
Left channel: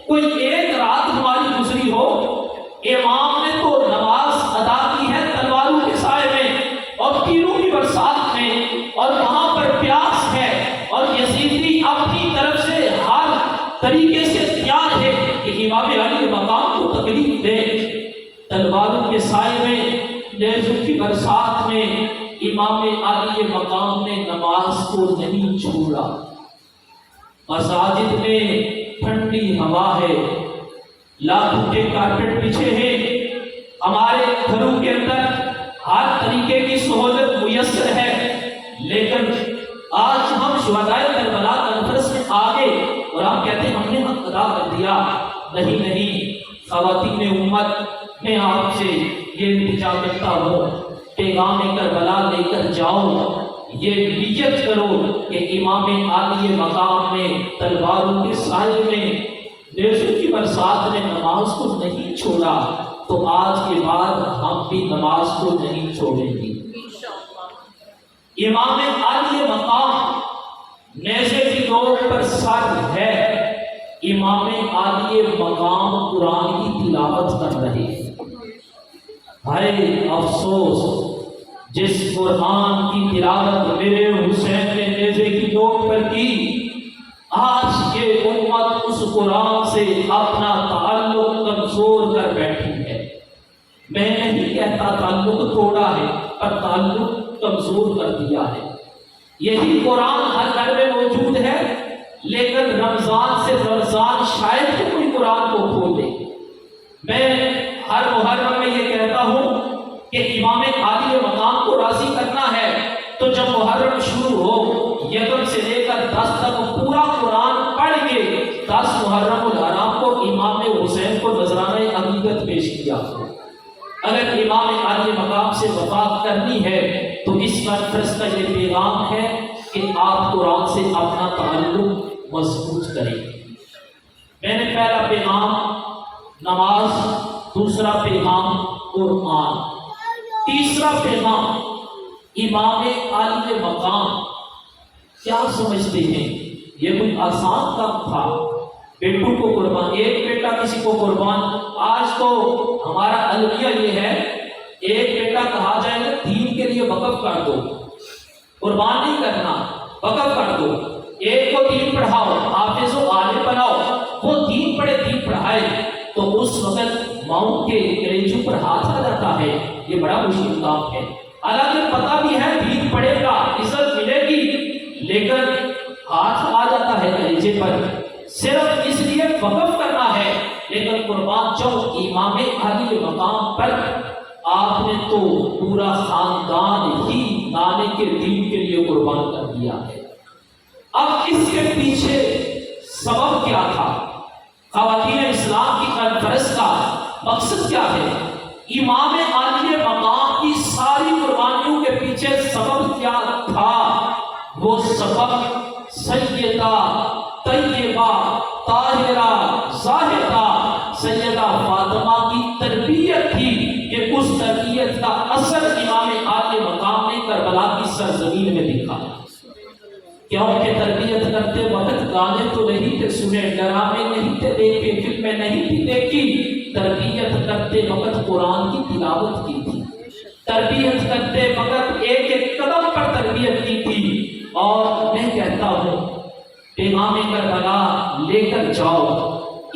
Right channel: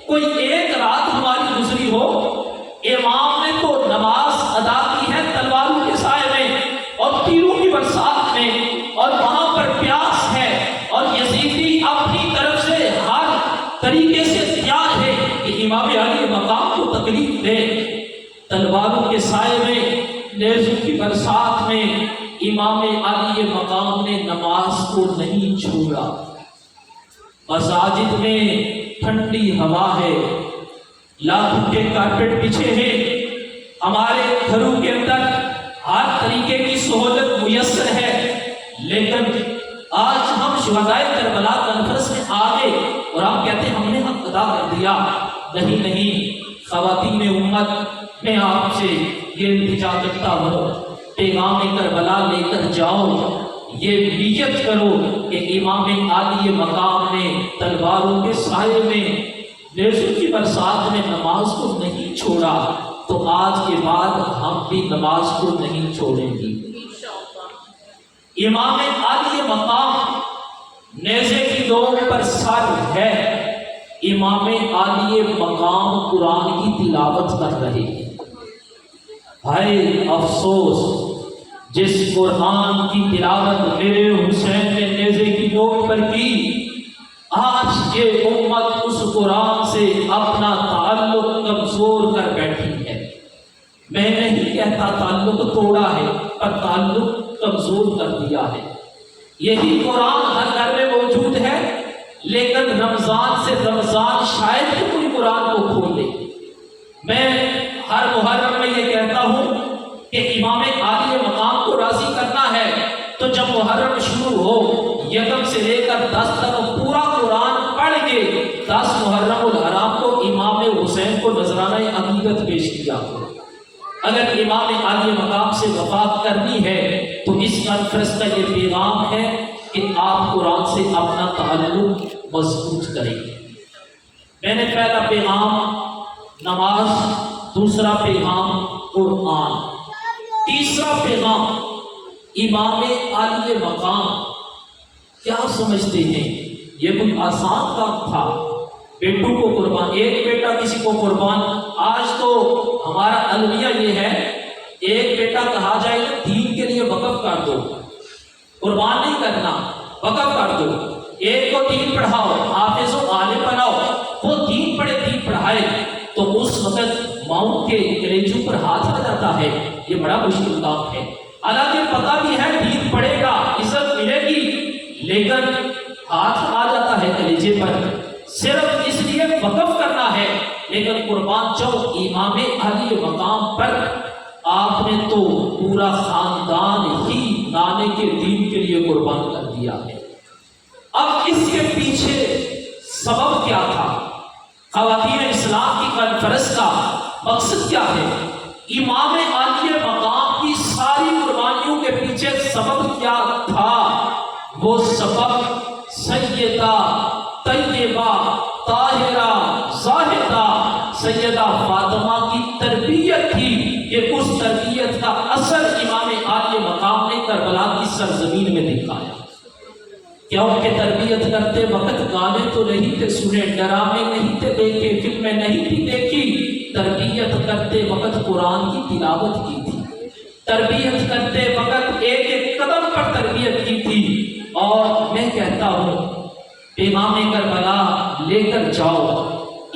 کوئی ایک رات ہماری گزری ہو؟ امام نے تو نماز ادا کی ہے تلواروں کے سائے میں اور تیروں کی برسات میں، اور وہاں پر پیاس ہے، اور یزیدی اپنی طرف سے ہر طریقے سے تیار ہے کہ امام علی مقام کو تکلیف دے۔ تلواروں کے سائے میں، نیزوں کی برسات میں امام علی مقام نے نماز کو نہیں چھوڑا۔ مساجد میں ٹھنڈی ہوا ہے، لاکھوں کے کارپیٹ بچھے ہیں، ہمارے گھروں کے اندر ہر طریقے کی سہولت میسر ہے، لیکن آج ہم شہدائے کربلا کانفرنس میں آ گئے اور آپ کہتے ہیں ہم نے حق ادا کر دیا۔ نہیں، خواتین امت، میں آپ سے یہ التجا کرتا ہوں، پیغام کربلا لے کر جاؤ، یہ نیت کرو کہ امام علی مقام نے تلواروں کے سائے میں، نیزوں کی برسات میں نماز کو نہیں چھوڑا، تو آج کے بعد ہم بھی نماز کو نہیں چھوڑیں گے۔ امام علی مقام نیزے کی نوک پر سر ہے، امام علی مقام قرآن کی تلاوت کر رہے ہیں۔ ہائے افسوس جس قرآن کی تلاوت میرے حسین نے نیزے کی نوک پر کی، آج یہ امت اس قرآن سے اپنا تعلق کمزور کر بیٹھی ہے۔ میں نہیں کہتا تعلق توڑا ہے، پر تعلق کمزور کر دیا ہے۔ یہی قرآن ہر گھر میں موجود ہے، لیکن رمضان سے رمضان شاید کہ کوئی قرآن کو کھولے۔ میں ہر محرم میں یہ کہتا ہوں کہ امام علی مقام کو راضی کرنا ہے تو جب محرم شروع ہو، یکم سے لے کر 10 تک پورا قرآن پڑھ کے 10 محرم الحرام کو امام حسین کو نذرانہ عقیدت پیش کیا۔ اگر امام علی مقام سے وفات کرنی ہے تو اس کانفرنس کا یہ پیغام ہے کہ آپ قرآن سے اپنا تعلق مضبوط کریں۔ میں نے پہلا پیغام نماز، دوسرا پیغام قرآن، تیسرا پیغام امام علی مقام۔ کیا سمجھتے ہیں یہ کوئی آسان کام تھا؟ بیٹوں کو قربان، ایک بیٹا کسی کو قربان۔ آج تو ہمارا المیہ یہ ہے، ایک بیٹا کہا جائے گا دین کے لیے وقف کر دو، قربان نہیں کرنا، وقف کر دو۔ ایک کو دین پڑھاؤ، حافظ و عالم بناؤ، وہ دین پڑھے، دین پڑھائے، تو اس وقت ماؤں کے کلیجوں پر ہاتھ آ جاتا ہے۔ یہ بڑا مشکل کام ہے، حالانکہ پتہ بھی ہے دین پڑھے گا عزت ملے گی، لیکن ہاتھ آ جاتا ہے کلیجے پر، صرف اس لیے وقف کرنا ہے۔ لیکن قربان جاؤ امام علی مقام پر آپ نے تو پورا خاندان ہی نانے کے دین کے لیے قربان کر دیا ہے۔ اب اس کے پیچھے سبب کیا تھا؟ خواتین اسلام کی کانفرنس کا مقصد کیا ہے؟ امام علی مقام کی ساری قربانیوں کے پیچھے سبب کیا تھا؟ وہ سبب سیدہ طیبہ طاہرہ زاہدہ سیدہ فاطمہ کی تربیت تھی۔ یہ اس تربیت کا اثر امام علی مقام نے کربلا کی سرزمین میں دکھایا۔ کیونکہ تربیت کرتے وقت گانے تو نہیں تھے سنے، ڈرامے نہیں تھے دیکھے، فلمیں نہیں تھی دیکھی، تربیت کرتے وقت قرآن کی تلاوت کی تھی، تربیت کرتے وقت ایک ایک قدم پر تربیت کی تھی۔ اور میں کہتا ہوں امام کربلا لے کر جاؤ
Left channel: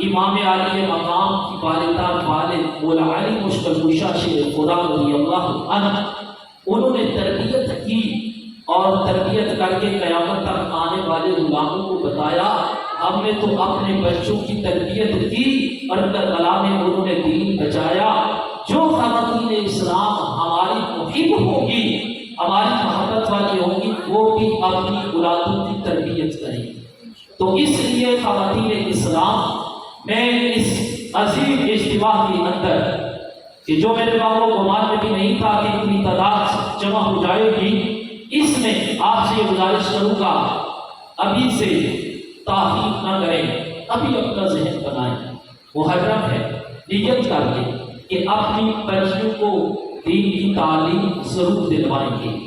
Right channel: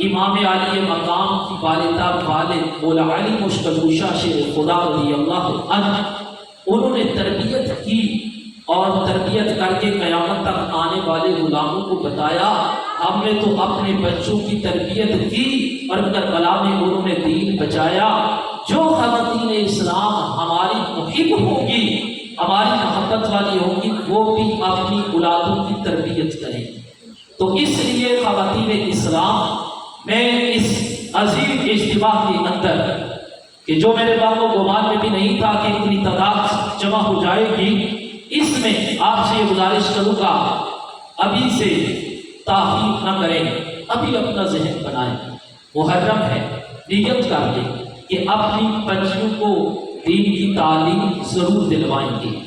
امام علی مقام کی والدہ والد مولا علی مشکل شیر خدا رضی اللہ عنہ، انہوں نے تربیت کی اور تربیت کر کے قیامت تک آنے والے غلاموں کو بتایا ہم نے تو اپنے بچوں کی تربیت کی اور کربلا میں انہوں نے دین بچایا۔ جو خواتین اسلام ہماری محب ہوں گی، ہماری محبت والی ہوں گی، وہ بھی اپنی اولادوں کی تربیت کریں گی۔ تو اس لیے خواتین اسلام میں اس عظیم اجتماع کے اندر کہ جو میرے بابوں گمان میں بھی نہیں تھا کہ اتنی تعداد جمع ہو جائے گی، اس میں آپ سے یہ گزارش کروں گا ابھی سے تاخیر نہ کریں، ابھی اپنا ذہن بنائیں، محرم ہے، نیت کر کے کہ اپنی بچیوں کو دین کی تعلیم ضرور دلوائیں گے،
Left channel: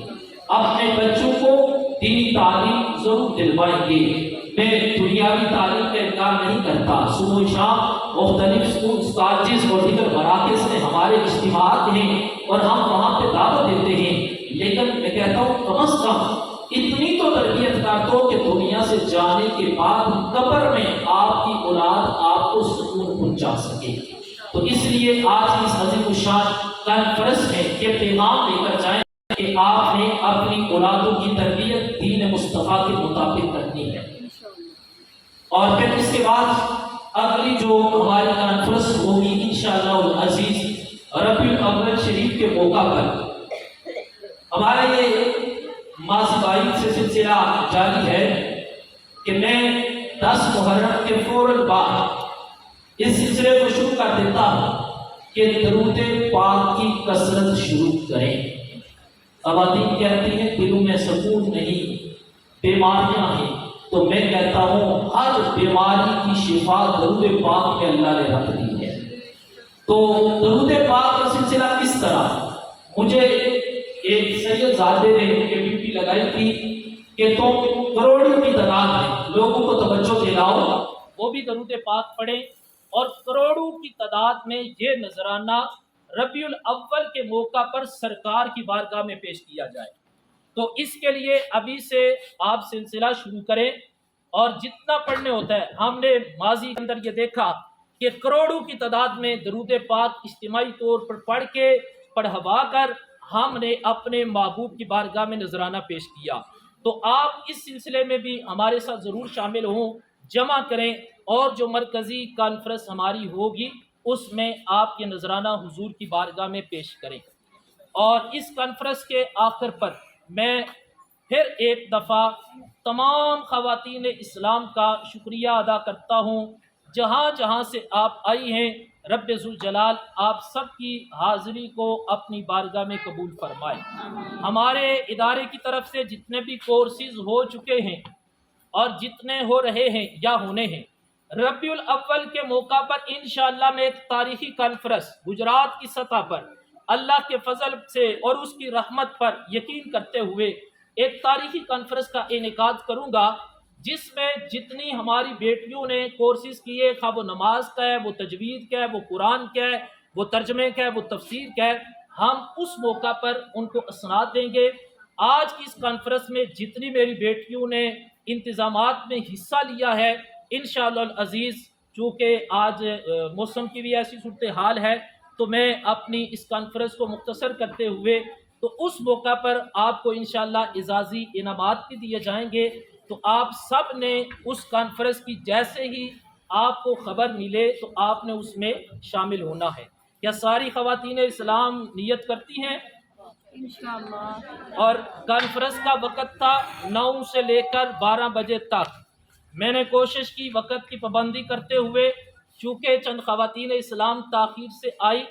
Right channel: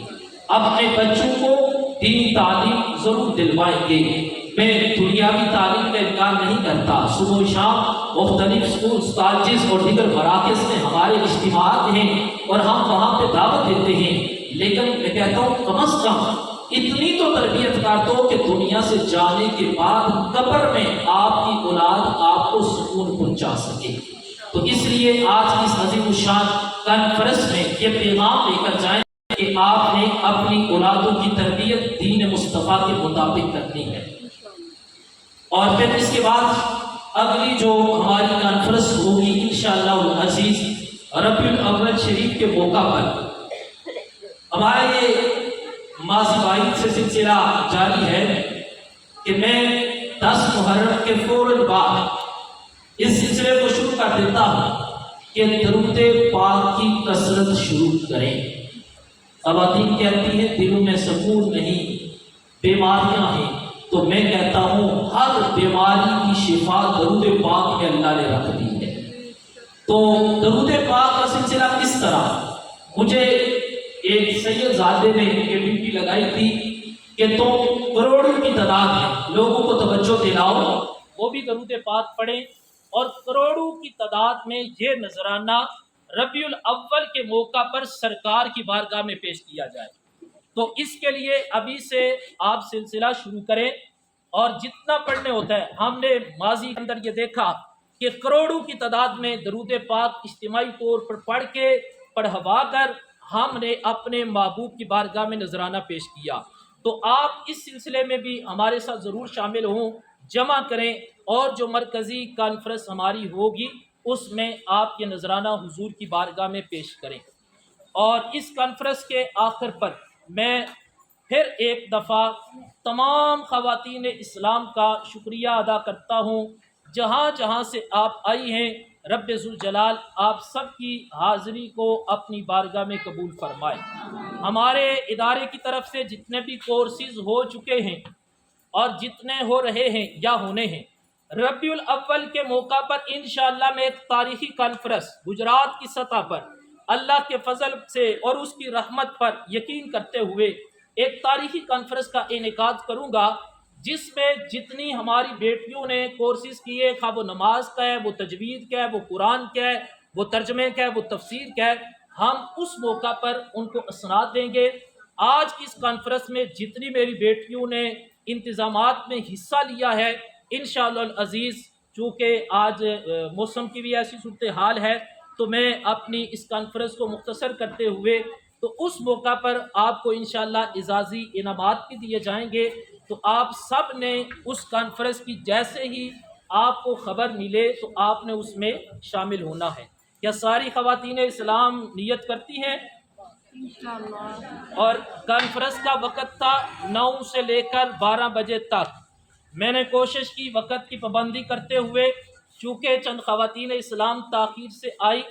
اپنے بچوں کو دینی تعلیم ضرور دلوائیں گے۔ میں دنیاوی تعلیم کا انکار نہیں کرتا، صبح و شام مختلف اسکول کالجز اور دیگر مراکز میں ہمارے اجتماعات ہیں اور ہم وہاں پہ دعوت دیتے ہیں، لیکن میں کہتا ہوں کم از کم اتنی تو تربیت کر دو کہ دنیا سے جانے کے بعد قبر میں آپ کی اولاد آپ کو سکون پہنچا سکے۔ تو اس لیے آج کی اس عظیم الشان کانفرنس میں یہ پیغام لے کر جائیں کہ آپ نے اپنی اولادوں کی تربیت دین مصطفیٰ کے مطابق کرنی ہے۔ اور پھر اس کے بعد اگلی جو ہماری کانفرنس ہوگی انشاءاللہ العزیز ربیع الاول شریف کے موقع پر، ہمارا یہ ماضی بعید سے سلسلہ جاری ہے کہ میں 10 محرم کے فوراً بعد اس سلسلے کو شروع کر دیتا ہوں کہ درود پاک کی کثرت شروع کریں۔ خواتین کہتی ہیں دلوں میں سکون نہیں، بیماریاں ہیں، تو میں کہتا ہوں ہر بیماری کی شفا درود پاک میں اللہ نے رکھ دی ہے۔ تو درود پاک کا سلسلہ کس طرح؟ مجھے ایک سید زادے نے ڈیوٹی لگائی تھی کہ تم کروڑوں کی تعداد میں لوگوں کو توجہ دلاؤ، وہ بھی درود پاک پڑھیں اور کروڑوں کی تعداد میں یہ نذرانہ ربیع الاول کے موقع پر سرکار کی بارگاہ میں پیش کیا جائے۔ تو اس کے لیے ابھی سے آپ سلسلہ شروع کریں اور جتنا پڑھنے ہوتا ہے، ہم نے ماضی کے اندر یہ دیکھا کہ کروڑوں کی تعداد میں درود پاک اجتماعی طور پر پڑھ کے پڑھوا کر ہم نے اپنے محبوب کی بارگاہ میں نذرانہ پیش کیا۔ تو آپ اس سلسلے میں بھی ہمارے ساتھ ضرور شامل ہوں، جمع کریں اور جو مرکزی کانفرنس ہماری ہوگی اس میں آپ کے نذرانہ حضور کی بارگاہ میں پیش کریں۔ اور اس کانفرنس کے آخر پر میں پھر ایک دفعہ تمام خواتین اسلام کا شکریہ ادا کرتا ہوں، جہاں جہاں سے آپ آئی ہیں، رب ذوالجلال آپ سب کی حاضری کو اپنی بارگاہ میں قبول فرمائے۔ ہمارے ادارے کی طرف سے جتنے بھی کورسز ہو چکے ہیں اور جتنے ہو رہے ہیں یا ہونے ہیں، ربیع الاول کے موقع پر انشاءاللہ میں ایک تاریخی کانفرنس گجرات کی سطح پر اللہ کے فضل سے اور اس کی رحمت پر یقین کرتے ہوئے ایک تاریخی کانفرنس کا انعقاد کروں گا، جس میں جتنی ہماری بیٹیوں نے کورسز کیے، خواہ وہ نماز کا ہے، وہ تجوید کا ہے، وہ قرآن کا ہے، وہ ترجمے کا ہے، وہ تفسیر کا ہے، ہم اس موقع پر ان کو اسناد دیں گے۔ آج کی اس کانفرنس میں جتنی میری بیٹیوں نے انتظامات میں حصہ لیا ہے، انشاءاللہ العزیز چونکہ آج موسم کی بھی ایسی صورتحال ہے، تو میں اپنی اس کانفرنس کو مختصر کرتے ہوئے تو اس موقع پر آپ کو انشاءاللہ اعزازی انعامات بھی دیے جائیں گے، تو آپ سب نے اس کانفرنس کی جیسے ہی آپ کو خبر ملے تو آپ نے اس میں شامل ہونا ہے۔ کیا ساری خواتین اسلام نیت کرتی ہیں؟ انشاءاللہ۔ اور کانفرنس کا وقت تھا 9 سے لے کر 12 بجے تک۔ میں نے کوشش کی وقت کی پابندی کرتے ہوئے، چونکہ چند خواتین اسلام تاخیر سے آئی،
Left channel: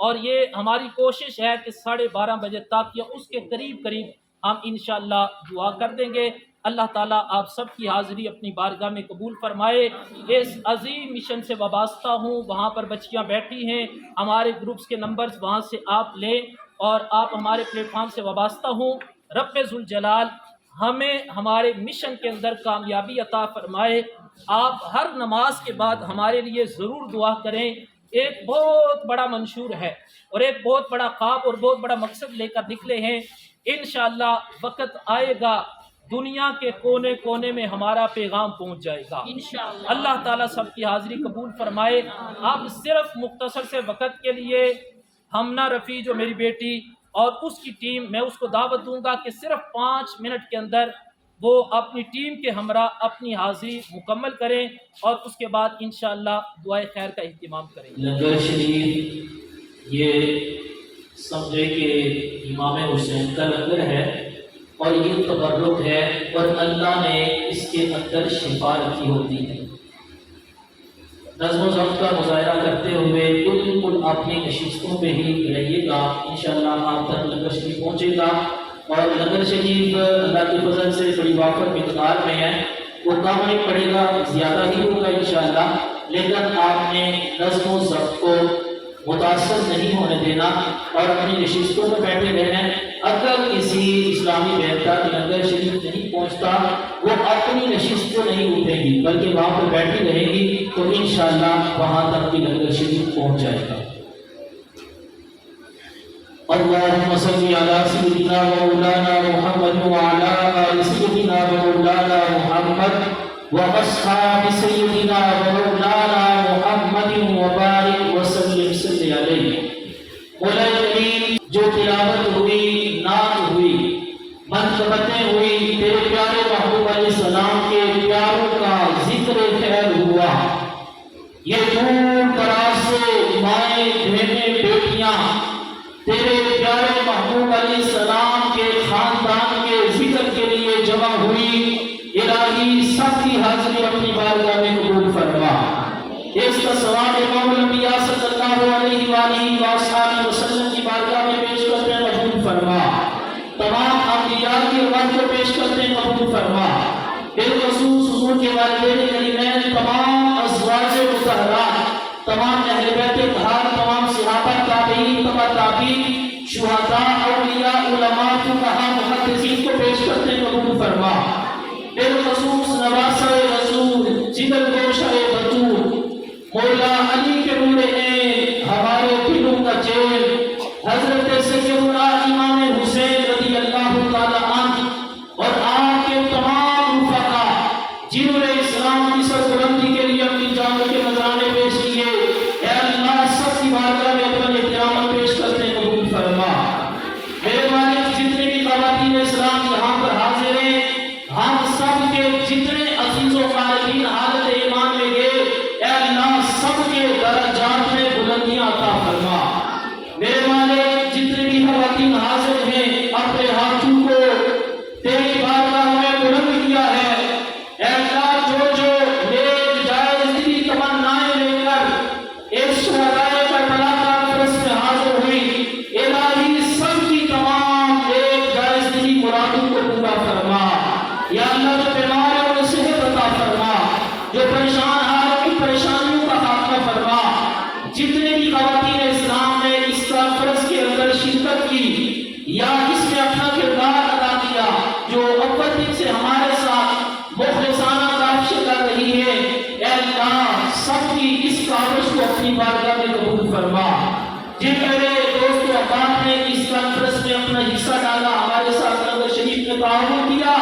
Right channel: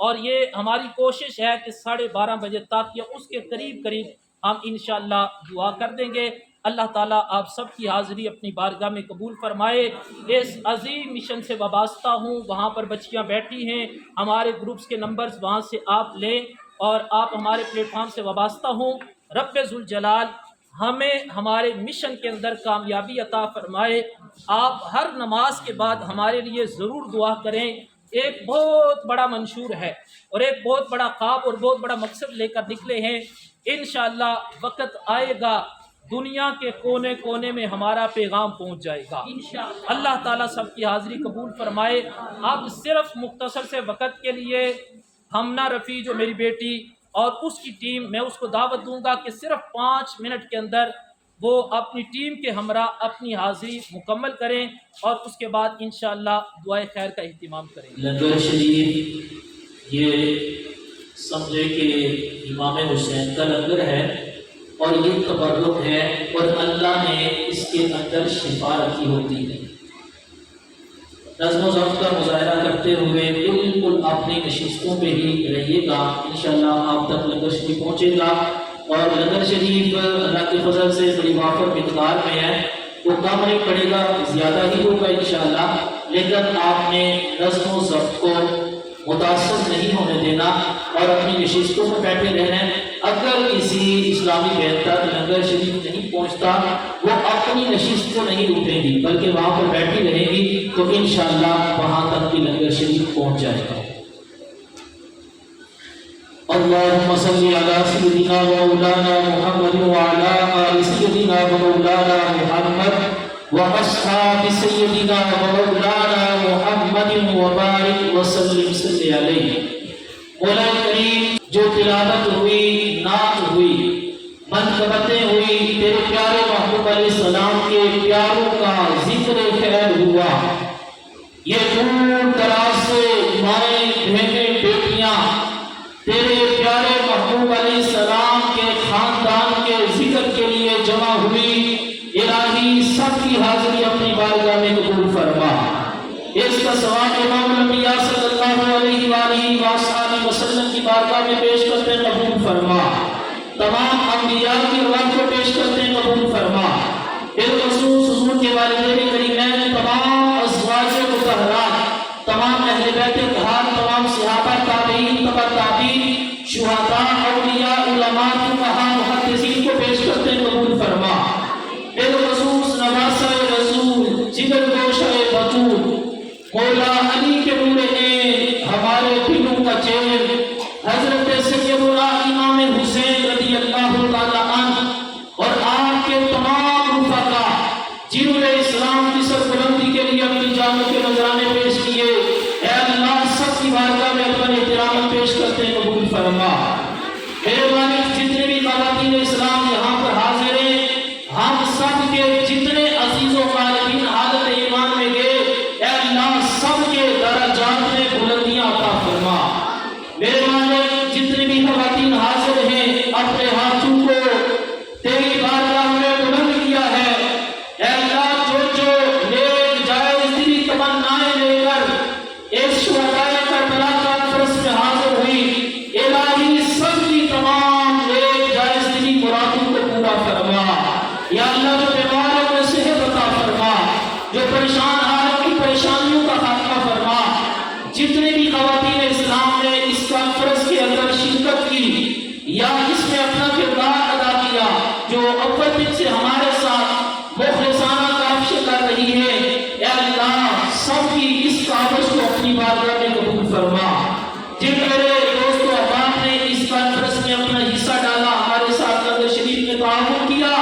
اور یہ ہماری کوشش ہے کہ 12:30 بجے تک یا اس کے قریب ہم انشاءاللہ دعا کر دیں گے۔ اللہ تعالیٰ آپ سب کی حاضری اپنی بارگاہ میں قبول فرمائے۔ اس عظیم مشن سے وابستہ ہوں، وہاں پر بچیاں بیٹھی ہیں، ہمارے گروپس کے نمبرز وہاں سے آپ لیں اور آپ ہمارے پلیٹ فارم سے وابستہ ہوں۔ رب ذوالجلال ہمیں ہمارے مشن کے اندر کامیابی عطا فرمائے۔ آپ ہر نماز کے بعد ہمارے لیے ضرور دعا کریں۔ ایک بہت بڑا منشور ہے اور ایک بہت بڑا خواب اور بہت بڑا مقصد لے کر نکلے ہیں۔ انشاءاللہ وقت آئے گا، دنیا کے کونے کونے میں ہمارا پیغام پہنچ جائے گا۔ اللہ تعالیٰ سب کی حاضری قبول فرمائے۔ اب صرف مختصر سے وقت کے لیے ہمنا رفیع جو میری بیٹی اور اس کی ٹیم، میں اس کو دعوت دوں گا کہ صرف 5 منٹ کے اندر وہ اپنی ٹیم کے ہمراہ اپنی حاضری مکمل کریں اور اس کے بعد انشاءاللہ دعائے خیر کا اہتمام کریں۔ لنگر شریف یہ سمجھے کہ امام حسین کا لنگر ہے اور یہ تبرک ہے، اور اللہ نے اس کے اندر شفا رکھی ہوتی ہے۔ نظم و ضبط کا مظاہرہ کرتے ہوئے بالکل اپنی نشستوں پہ ہی رہیے گا، انشاءاللہ آپ تک لنگر شریف پہنچے گا۔ اور لنگر شریف اللہ کے فضل سے بڑی وافر مقدار میں ہے، وہ کم نہیں پڑے گا، زیادہ ہی ہوگا انشاءاللہ، لیکن آپ نے نظم و ضبط کو متاثر نہیں ہونے دینا اور اپنی نشستوں میں بیٹھے رہنا ہے۔ اگر کسی اسلامی بہن تک لنگر شریف نہیں پہنچتا، وہ اپنی نشست کو نہیں اٹھیں گی بلکہ وہاں پر بیٹھی رہیں گی، تو انشاءاللہ وہاں تک بھی لنگر شریف پہنچ جائے گا۔ اللهم صل على سيدنا ومولانا محمد وعلى آل سيدنا ومولانا محمد واصحاب سيدنا ومولانا محمد وبارك وسلم صلی علیہ۔ مولا کریم جو تلاوت ہوئی، نعت ہوئی، منقبتیں ہوئی، تیرے پیارے محبوب علیہ السلام کے پیاروں کا ذکر خیر ہوا، یہ دور دراز سے مائیں بہنیں بیٹیاں تیرے پیارے محبوب علیہ السلام کے خاندان کے ذکر کے لیے جمع ہوئی، الہی سب کی حاضری اپنی بارگاہ میں قبول فرما۔ اس کا ثواب امام الانبیاء صلی اللہ علیہ وآلہ وآلہ وسلم کی بارگاہ میں پیش کرتے ہیں، قبول فرما۔ تمام انبیاء کی روایت کو پیش کرتے ہیں، قبول فرما۔ بالخصوص حضور کے والدین کریمین، تمام ازواج مطہرات، تمام اہل بیت اطہار، تمام صحابہ، تابعین، تبع تابعین، شہداء، اولیاء، علماء، فقہاء، محدثین کو پیش کرتے ہیں، قبول فرما۔ بالخصوص نواسہ رسول، جگر گوشہ بطول، مولا علی کے نور عین، ہمارے دلوں کا چین، حضرت سیدنا امام حسین رضی اللہ تعالیٰ عنہ اور آپ کے تمام رفقا جنہوں نے اسلام کی سربلندی کے لیے اپنی جانوں کے نذرانے پیش کیے، اے اللہ سب کی بارگاہ میں اپنے احترام پیش کرتے ہیں، قبول فرما۔ میرے والد جتنے بھی خواتین اسلام یہاں پر حاضر ہیں، ہم سب کے جتنے عزیز و قارئین حالت ایمان میں گئے، اے اللہ سب کے درجات میں بلندیاں عطا فرما۔ میرے والد جتنے بھی خواتین حاضر ہیں، اپنے ہاتھوں کو تیری بارگاہ میں بلند کیا ہے، اے اللہ جو نیک جائز دلی تمنائیں لے کر اس شہدائے کربلا کانفرنس میں حاضر ہوئی، الہی سب کی تمام نیک جائز دلی مرادوں کو پورا فرما۔ یا اللہ جو بیمار ہے انہیں صحت عطا فرما، جو پریشان حال ہے ان پریشانیوں کا خاتمہ فرما۔ جتنے بھی خواتین اسلام نے اس کانفرنس کے اندر شرکت کی یا اس میں اپنا کردار ادا کیا، جو اول دن سے ہمارے ساتھ مخلصانہ رہتی ہے اے اللہ سب کی اس کاوش کو اپنی بارگاہ میں قبول فرما. جن میرے دوست و احباب نے اس کانفرنس میں اپنا حصہ ڈالا، ہمارے ساتھ نظر شریف میں تعاون کیا،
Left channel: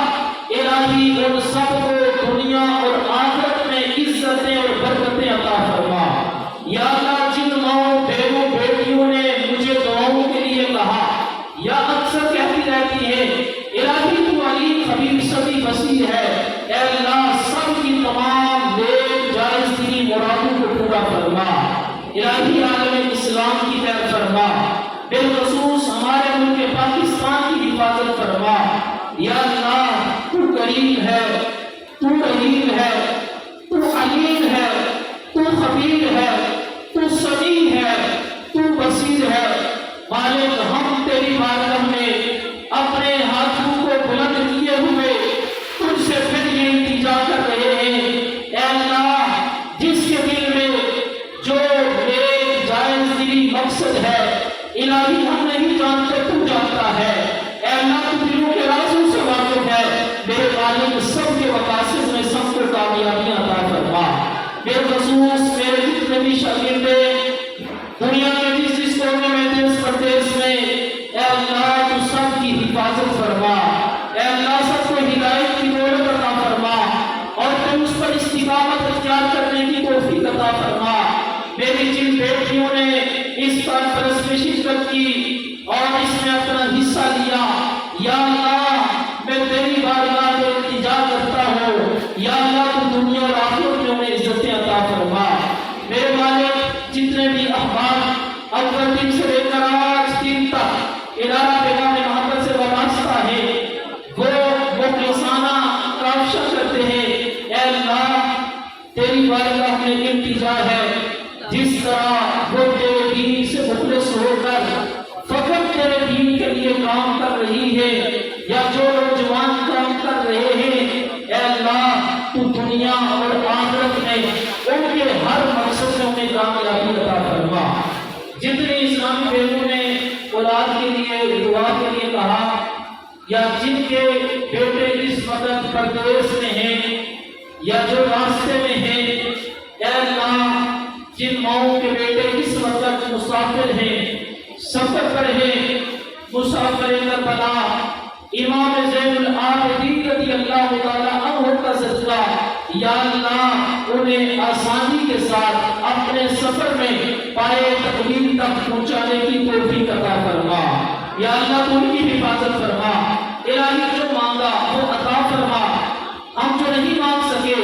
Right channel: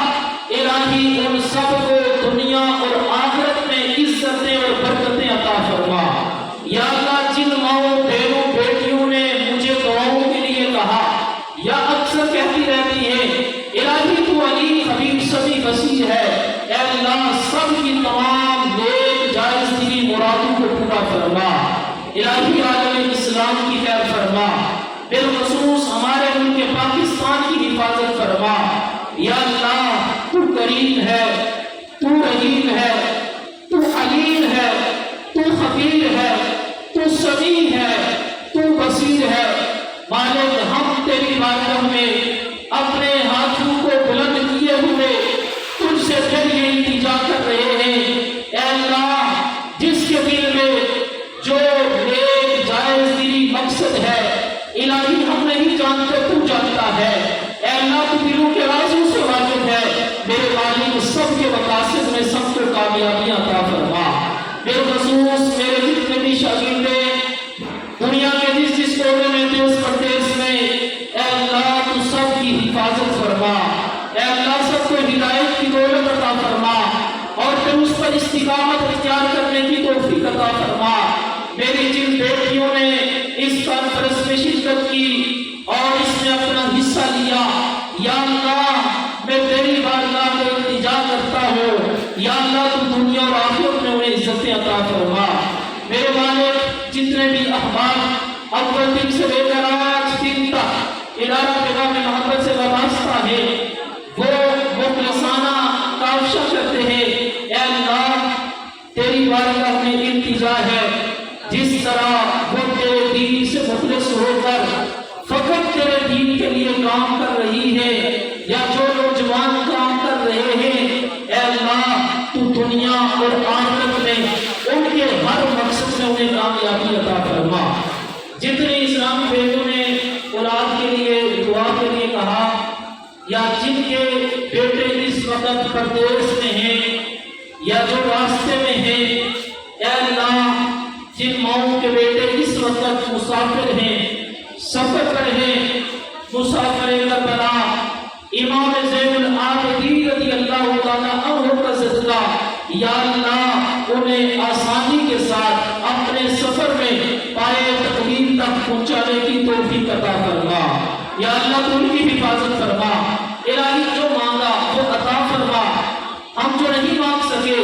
الہی ان سب کو دنیا اور آخرت میں عزتیں اور برکتیں عطا فرما. یا اللہ جن ماؤں بہنوں بیٹیوں نے مجھے دعاؤں کے لیے کہا یا اکثر کہتی رہتی ہے الہی تو علیم خبیر سبھی وسیع ہے، اے اللہ سب کی تمام نیک جائز دلی مرادوں کو پورا فرما. الہی عالم اسلام کی خیر فرما، بالخصوص ہمارے ملک پاکستان کی حفاظت فرما. یا اللہ تو کریم ہے، تو رحیم ہے، تو علیم ہے، تو خبیر ہے، تو سمیع ہے، تو بصیر ہے. مالک ہم تیری بارگاہ میں اپنے ہاتھوں کو بلند کیے ہوئے تجھ سے پھر یہ التجا کر رہے ہیں اے اللہ جس کے دل میں جو نیک جائز دلی مقصد ہے الہی ہم نہیں جانتے تو جانتا ہے. اے اللہ تو دلوں کے رازوں سے واقف ہے. میرے مالک سب کے مقاصد میں سب کو کامیابی عطا فرما. بالخصوص میرے جتنے بھی شاگرد دنیا کے جس کونے میں دیس پردیس میں اے اللہ تو سب کی حفاظت فرما. اے اللہ سب کو ہدایت کی دولت عطا فرما اور تم اس پر استقامت اختیار کرنے کی توفیق عطا فرما. میری جن بیٹیوں نے اس کانفرنس میں شرکت کی اور اس میں اپنا حصہ لیا یا اللہ میں تیری بارگاہ میں التجا کرتا ہوں یا اللہ تو دنیا اور آخرت میں انہیں عزتیں عطا فرما. میرے مالک جتنے بھی احباب اول دن سے لے کر آج دن تک ادارہ پیغام محبت سے وابستہ ہے وہ مخلصانہ کاوشیں کرتے ہیں اے اللہ تیری بارگاہ میں التجا ہے جس طرح وہ تیرے دین سے مخلص ہو کر فقط تیرے دین کے لیے کام کر رہی ہے یا جو نوجوان کام کر رہے ہیں اے اللہ تو دنیا اور آخرت میں ان کے ہر مقصد میں انہیں کامیابی عطا فرما. جتنے اسلامی بہنوں نے اولاد کے لیے دعا کے لیے کہا یا جن کے بیٹے اس وقت پردیس میں ہیں یا جو راستے میں ہیں اے اللہ جن ماؤں کے بیٹے اس وقت مسافر ہیں سفر پر ہیں مسافر کربلا امام زین العابدین رضی اللہ تعالیٰ عنہ کا صدقہ یا اللہ انہیں آسانی کے ساتھ اپنے سفر میں پائے تقدیر تک پہنچانے کی توفیق عطا فرما. یا اللہ تو ان کی حفاظت فرما. الہی جو مانگا وہ عطا فرما. ہم جو نہیں مانگ سکے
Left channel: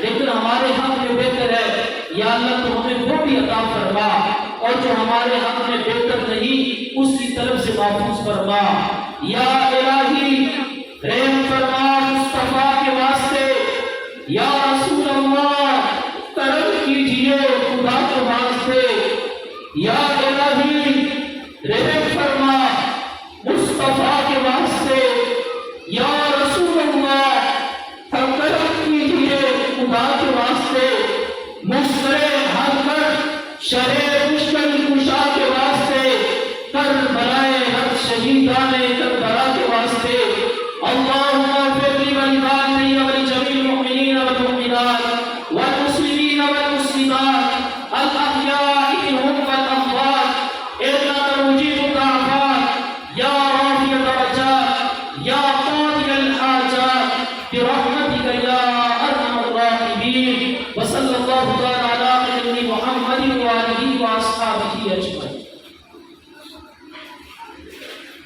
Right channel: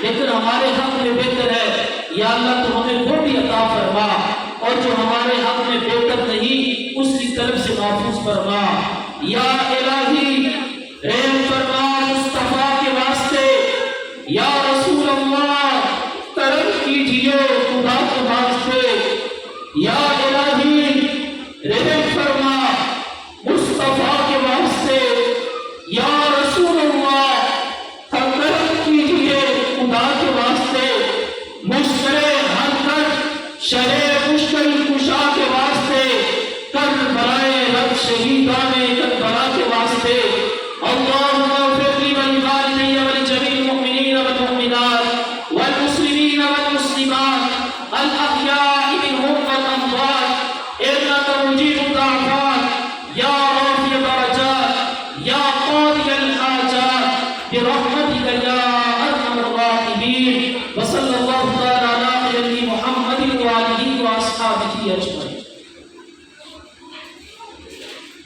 لیکن ہمارے حق میں بہتر ہے یا اللہ تو ہمیں وہ بھی عطا فرما اور جو ہمارے حق میں بہتر نہیں اس کی طرف سے محفوظ فرما. یا الہی رحم فرما مصطفیٰ کے واسطے یا رسول اللہ کرم کیجئے خدا کے واسطے. یا الہی رحم فرما مصطفیٰ کے واسطے یا رسول اللہ کرم کیجئے خدا کے واسطے. مشکل حل کر شرح مشکل کشا کے واسطے کربلائے رب شہیدان کربلا کے واسطے. اللہم اغفر لی ولوالدی ولجمیع المؤمنین والمؤمنات والمسلمین والمسلمات الاحیاء منهم والاموات انک مجیب الدعوات یا رافع الدرجات یا قاضی الحاجات برحمتک یا ارحم الراحمین. وصلی اللہ تعالی علی نبی محمد وآلہ واصحابہ اجمعین.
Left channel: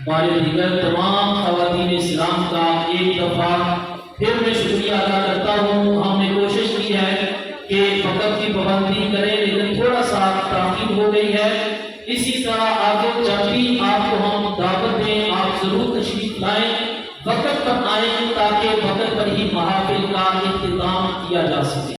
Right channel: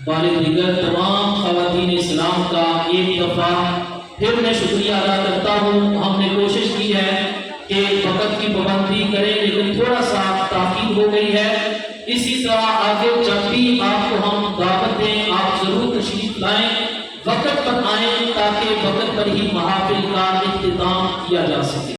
بارے دیگر تمام خواتین اسلام کا ایک دفعہ پھر میں شکریہ ادا کرتا ہوں. ہم نے کوشش کی ہے کہ وقت کی پابندی کریں لیکن تھوڑا سا تاخیر ہو گئی ہے. اسی طرح آگے جب بھی آپ کو ہم دعوت دیں آپ ضرور تشریف لائیں وقت پر آئیں تاکہ وقت پر ہی محافل کا اختتام کیا جا سکے.